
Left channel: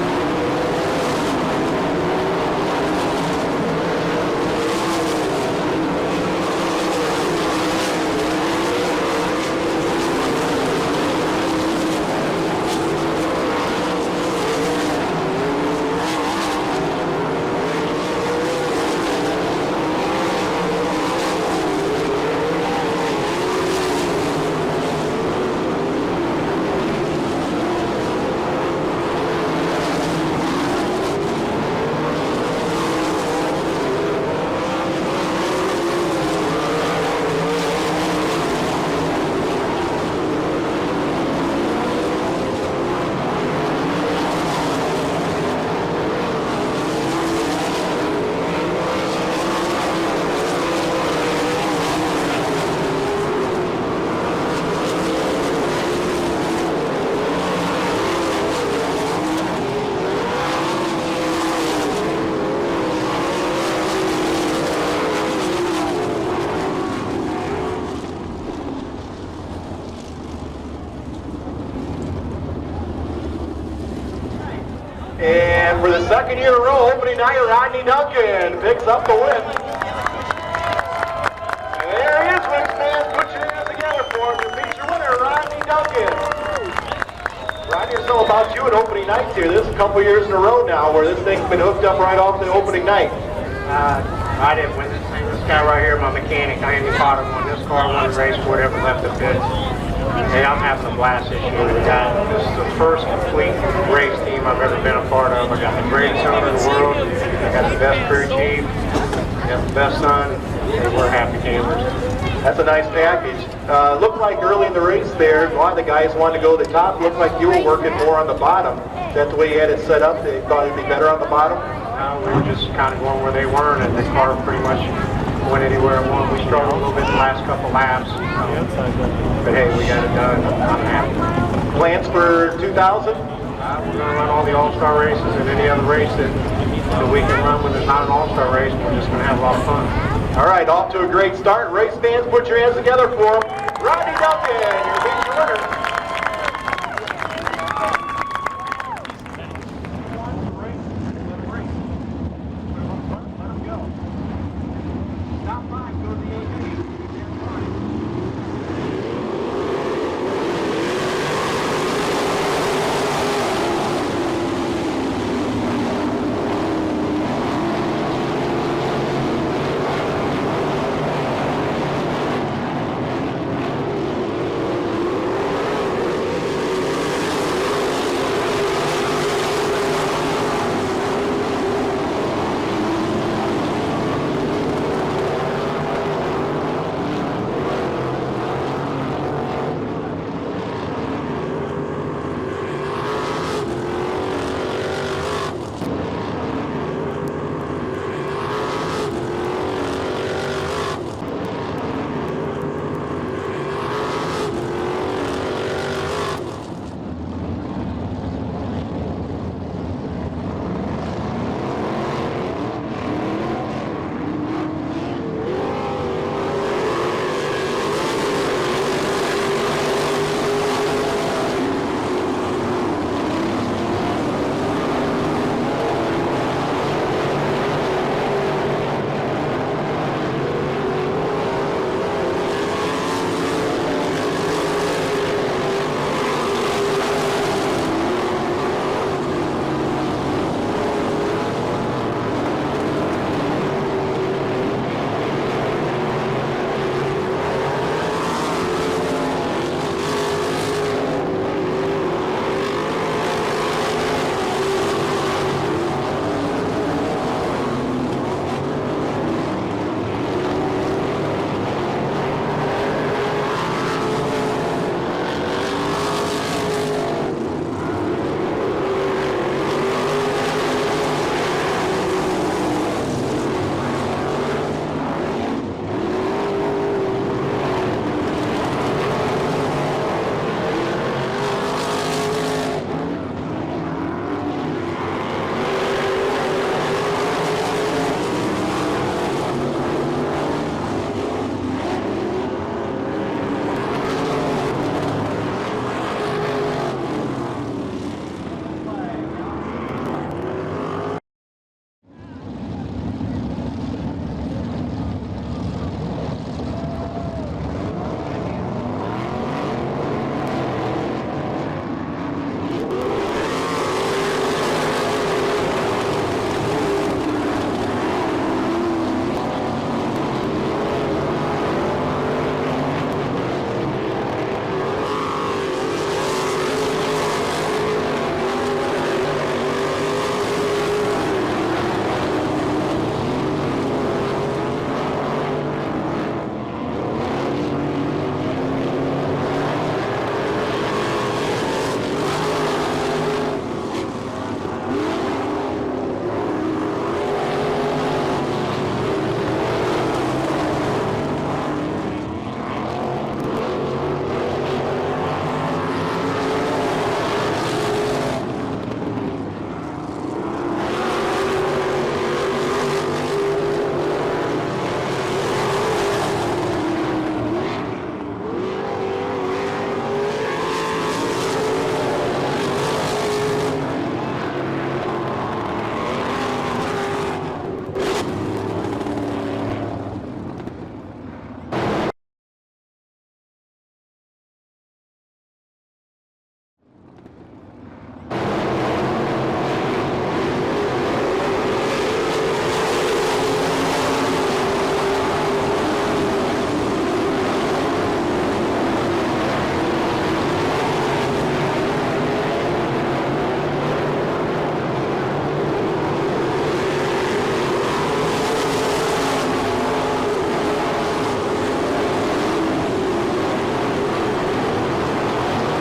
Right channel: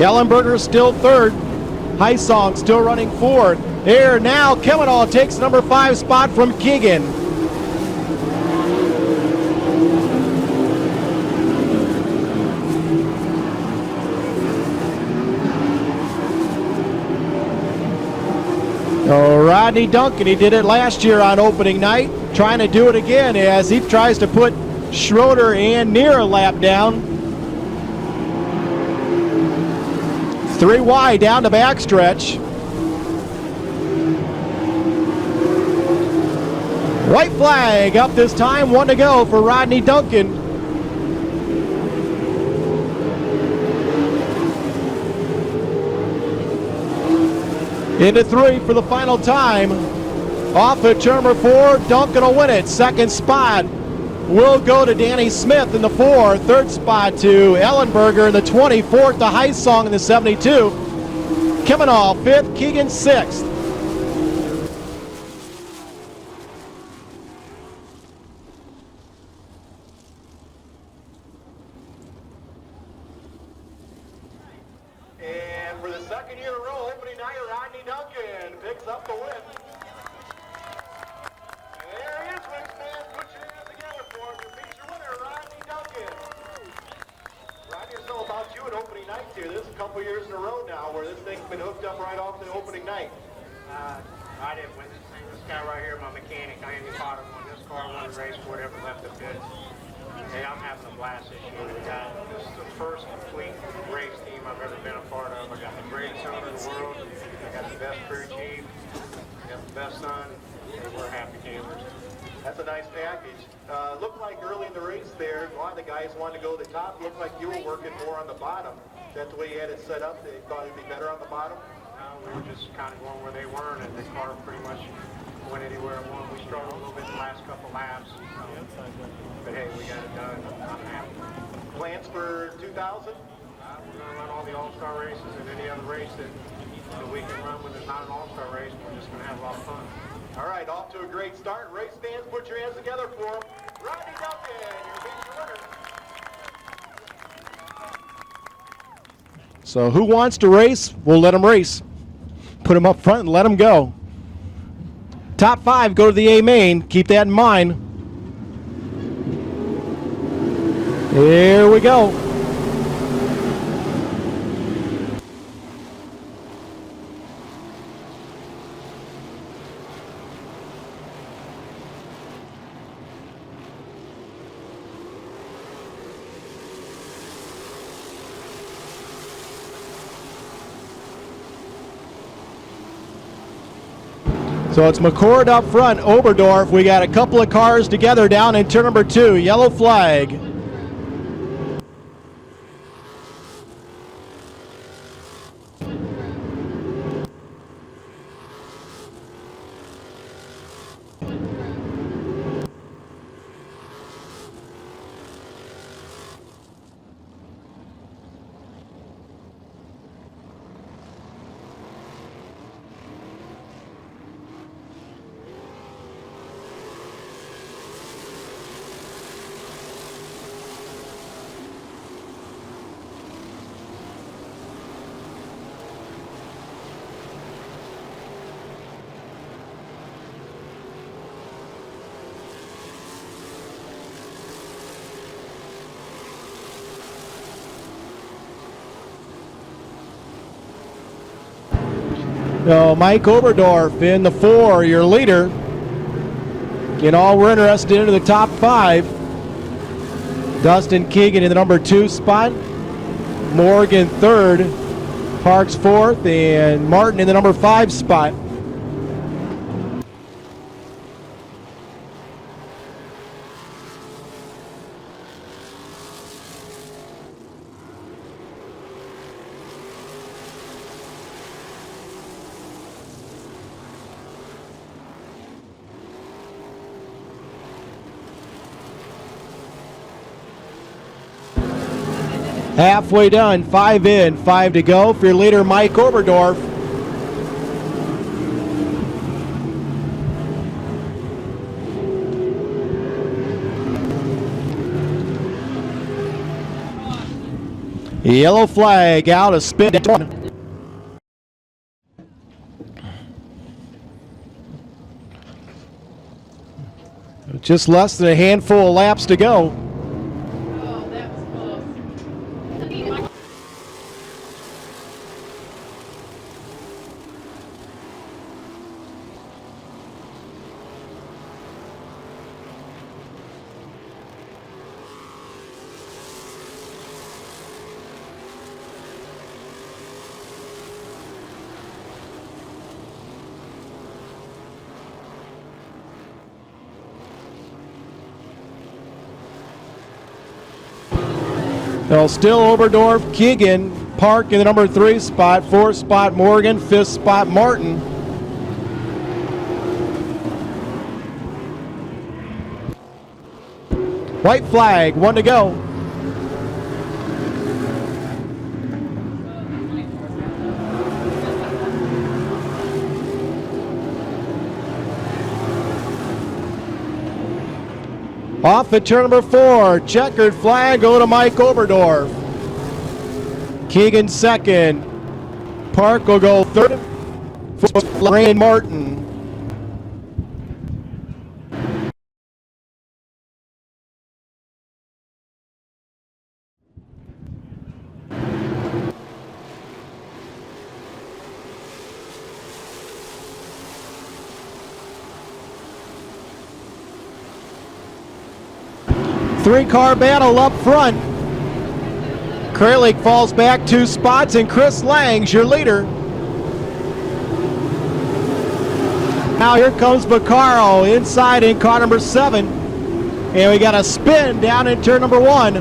Ellenberger still 3rd. Heisong still running 4th. Here now, Kemenoff takes number 5 spot from Keegan. Rodney Duncan, he did it last year on opening night, trying to do it again as he tries to put Schroeder and Neer a lap down. 3 wide down the backstretch. White flag up this time, 1 to go for Rodney Duncan. Into 3 for the final time. Off to turn number 4, Duncan will win it. Second spot will go to Danny Smith in the 4. Third spot to Ellenberger in the 20. Fourth to Heisong in the 72. Kimonov 5th, Keegan 6th. And for the second year in a row, opening night, Rodney Duncan picks up the win. And there he is, Wings fans. Put your hands together for him. Your feature winner, Rodney Duncan. Rodney, it's all about you at opening nights here. This is a couple years in a row now where this thing's been hooked up right off the opening night. I didn't win this thing. This guy right here, my mechanic, Andy Potter, won this car, won the race, whatever left the pit. Hey, I'm having a blast this year. This is the first complete race team I've ever been a part of. I got the greatest owner in the world. I got the best crew chief. I got the best son. And we're happy campers. That's a nice package. Looked like early in the race there, a lot of the guys wanted to go to the top. Looked like you were working more on the bottom. That's the way you had it set up. They thought it'd be better on the bottom. We were just kind of going where they weren't, and the car pretty much went anywhere it wanted. We struggled a little bit the last couple laps. But hey, we got it done. I'm happy. Plans for 2000? We're going to run all the All-Star races and any other race that we can run when there's not an All-Star race. We're just going to have a lot of fun. All right, off to a great start. Race fans, put your hands together for him. Rodney Duncan, your feature winner. So who wants to race? We'll let them race. Put them up front and let them go. Top 5 go to the A main. Keep that in mind. Here we go. So it's McCord up front, Oberdorf. We got a couple of cars together down in turn number 2. Yellow flag. So Mike Oberdorf in the 4, your leader. Get all we're interested into the top 5. Dustin Keegan in the number 2 spot. Morgan 3rd. Parks 4th. And Martin in the number 5 spot. Halfway done, 5 in, 5 to go for your leader, Mike Oberdorf. Yellow flag out, a spin. Just less than a handful of laps to go. So still Oberdorf, Keegan, Park in the number 3 spot, 4th spot Morgan, 5th spot Martin. White flag, 1 to go. Off at turn number 4, checkered flag, go to Mike Oberdorf. Keegan second. Park will go third. Lorraine Martin. Three-car battle up front. Kralik falls back 2 spots, and Chris Lang's your leader. Now here comes Vaccaro inside in car number 7. And we got a spin down in turn number 1.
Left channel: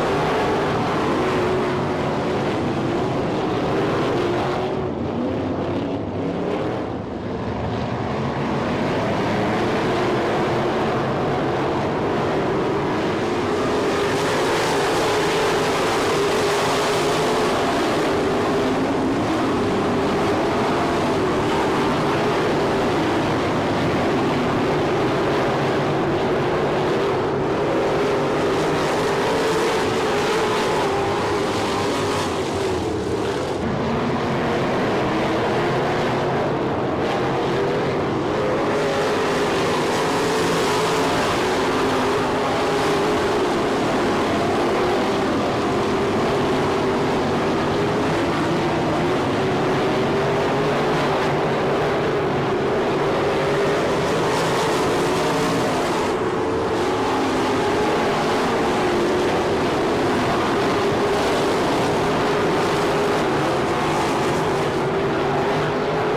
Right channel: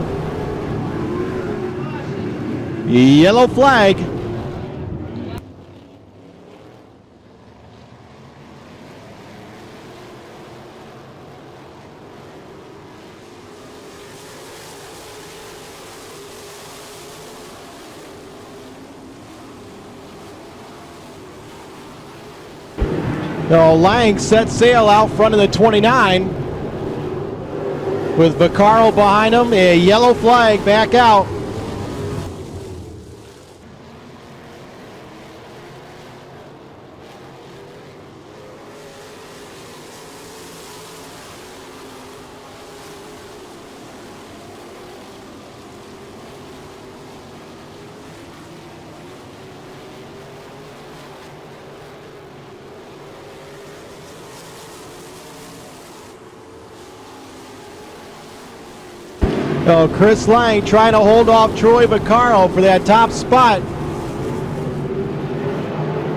Yellow flag. So Lang set sail out front of the 29 with Vaccaro behind him. A yellow flag back out. So Chris Lang trying to hold off Troy Vaccaro for that top spot.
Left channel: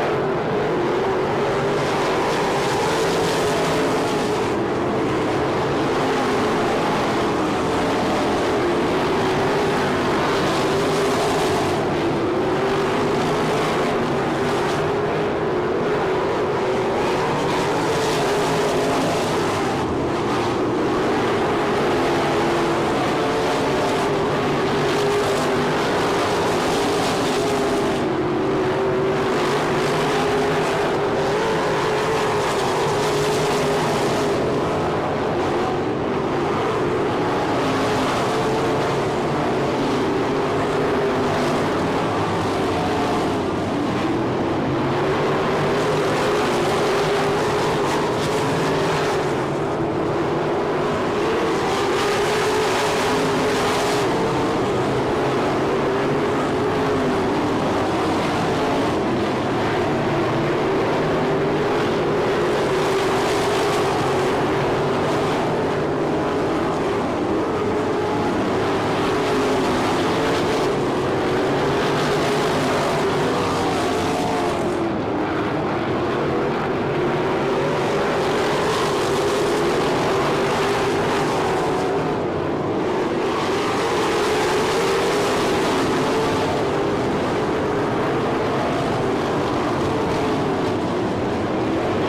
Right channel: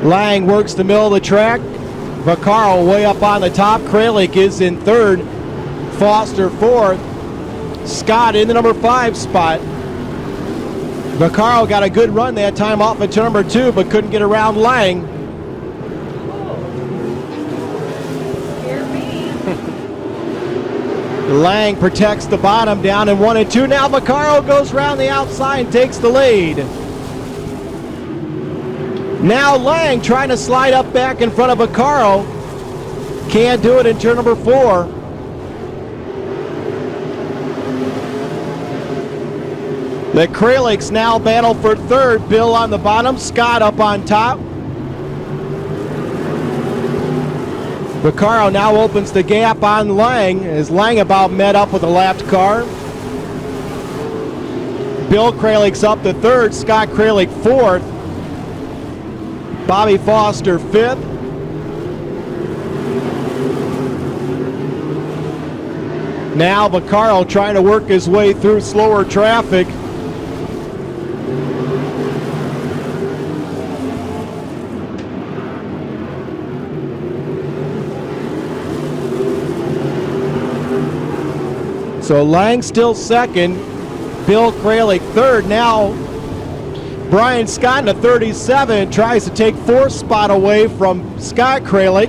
Lang works the middle of the track. Vaccaro way up on the top. Kralik is in 3rd. Foster 4th. Scott in the number 5 spot. Vaccaro got a good run that time off of turn number 2, but couldn't get around Lang. Lang protects the bottom down in 1 and 2. Now Vaccaro goes around the outside and takes the lead. Now Lang trying to slide up back in front of Vaccaro. Can't do it in turn number 4. The Kraliks now battle for 3rd. Bill on the bottom, Scott up on top. Vaccaro now opens the gap on Lang as Lang about met up with the last car. Bill Kralik's up to 3rd, Scott Kralik 4th. Bobby Foster 5th. Now Vaccaro trying to work his way through slower traffic. So Lang still 2nd, Bill Kralik 3rd. Now Brian Scott in the 37 tries to take 4th spot away from Scott Kralik.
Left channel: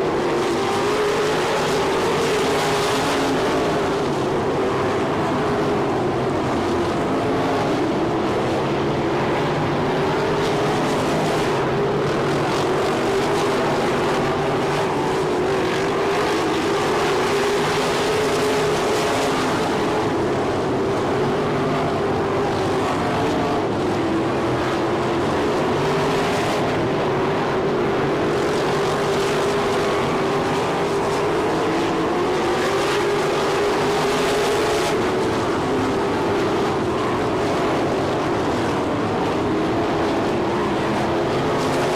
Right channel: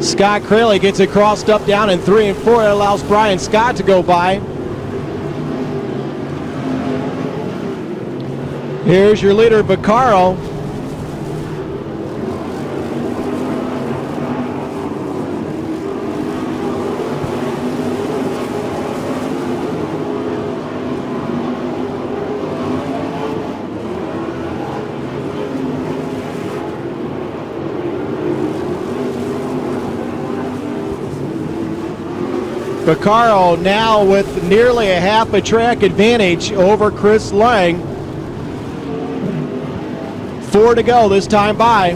Scott Kralik gets it crossed up down in 3 and 4. It allows Brian Scott to go by. Here's your leader, Vaccaro. Vaccaro now with nearly a half a track advantage over Chris Lang. 4 to go this time by.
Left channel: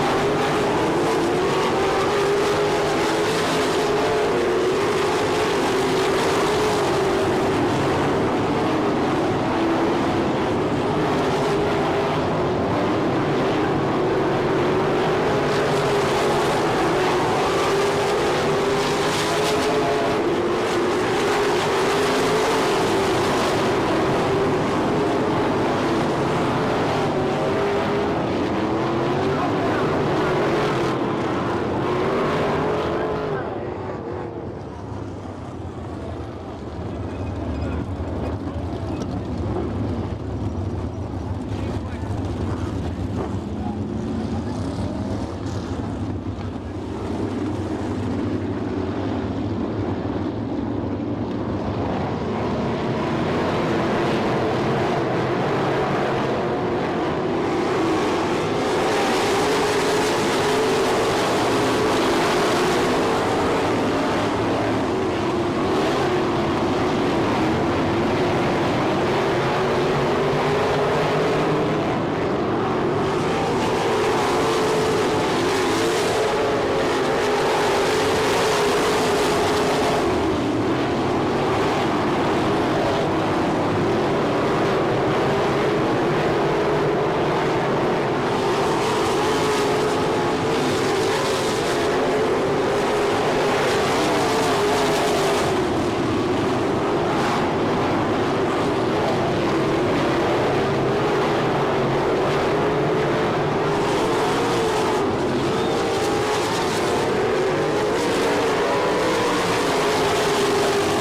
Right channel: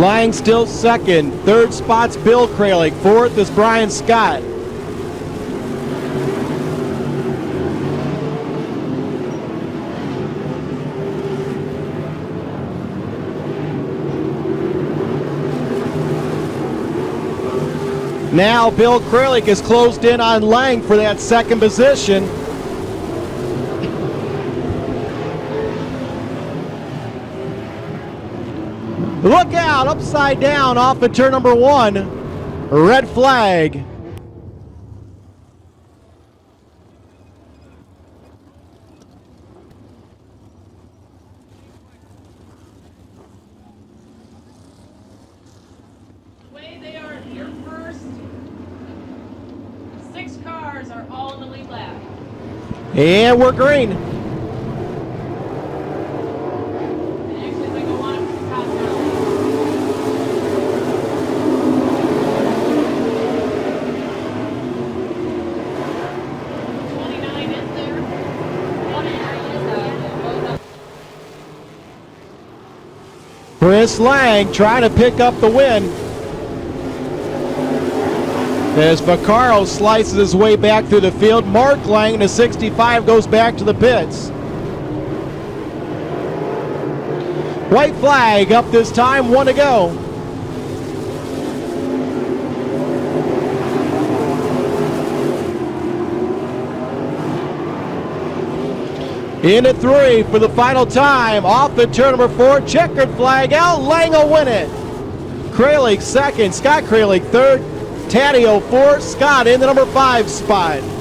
Lang still 2nd. 3rd spot's Bill Kralik. 4th is Brian Scott. Now Bill Kralik is closed in on Lang for that second position. Look out, upside down off the turn number 1. Red flag. And we're green. Chris Lang trying to pick up the win. As Vaccaro slices his way back through the field, Mark Lang, the 65, goes back to the pits. White flag up this time, 1 to go. Into 3 for the final time. Off the turn number 4, checkered flag out. Lang will win it. Kralik second, Scott Kralik third. Taddeo fourth, Scott in the number 5 spot.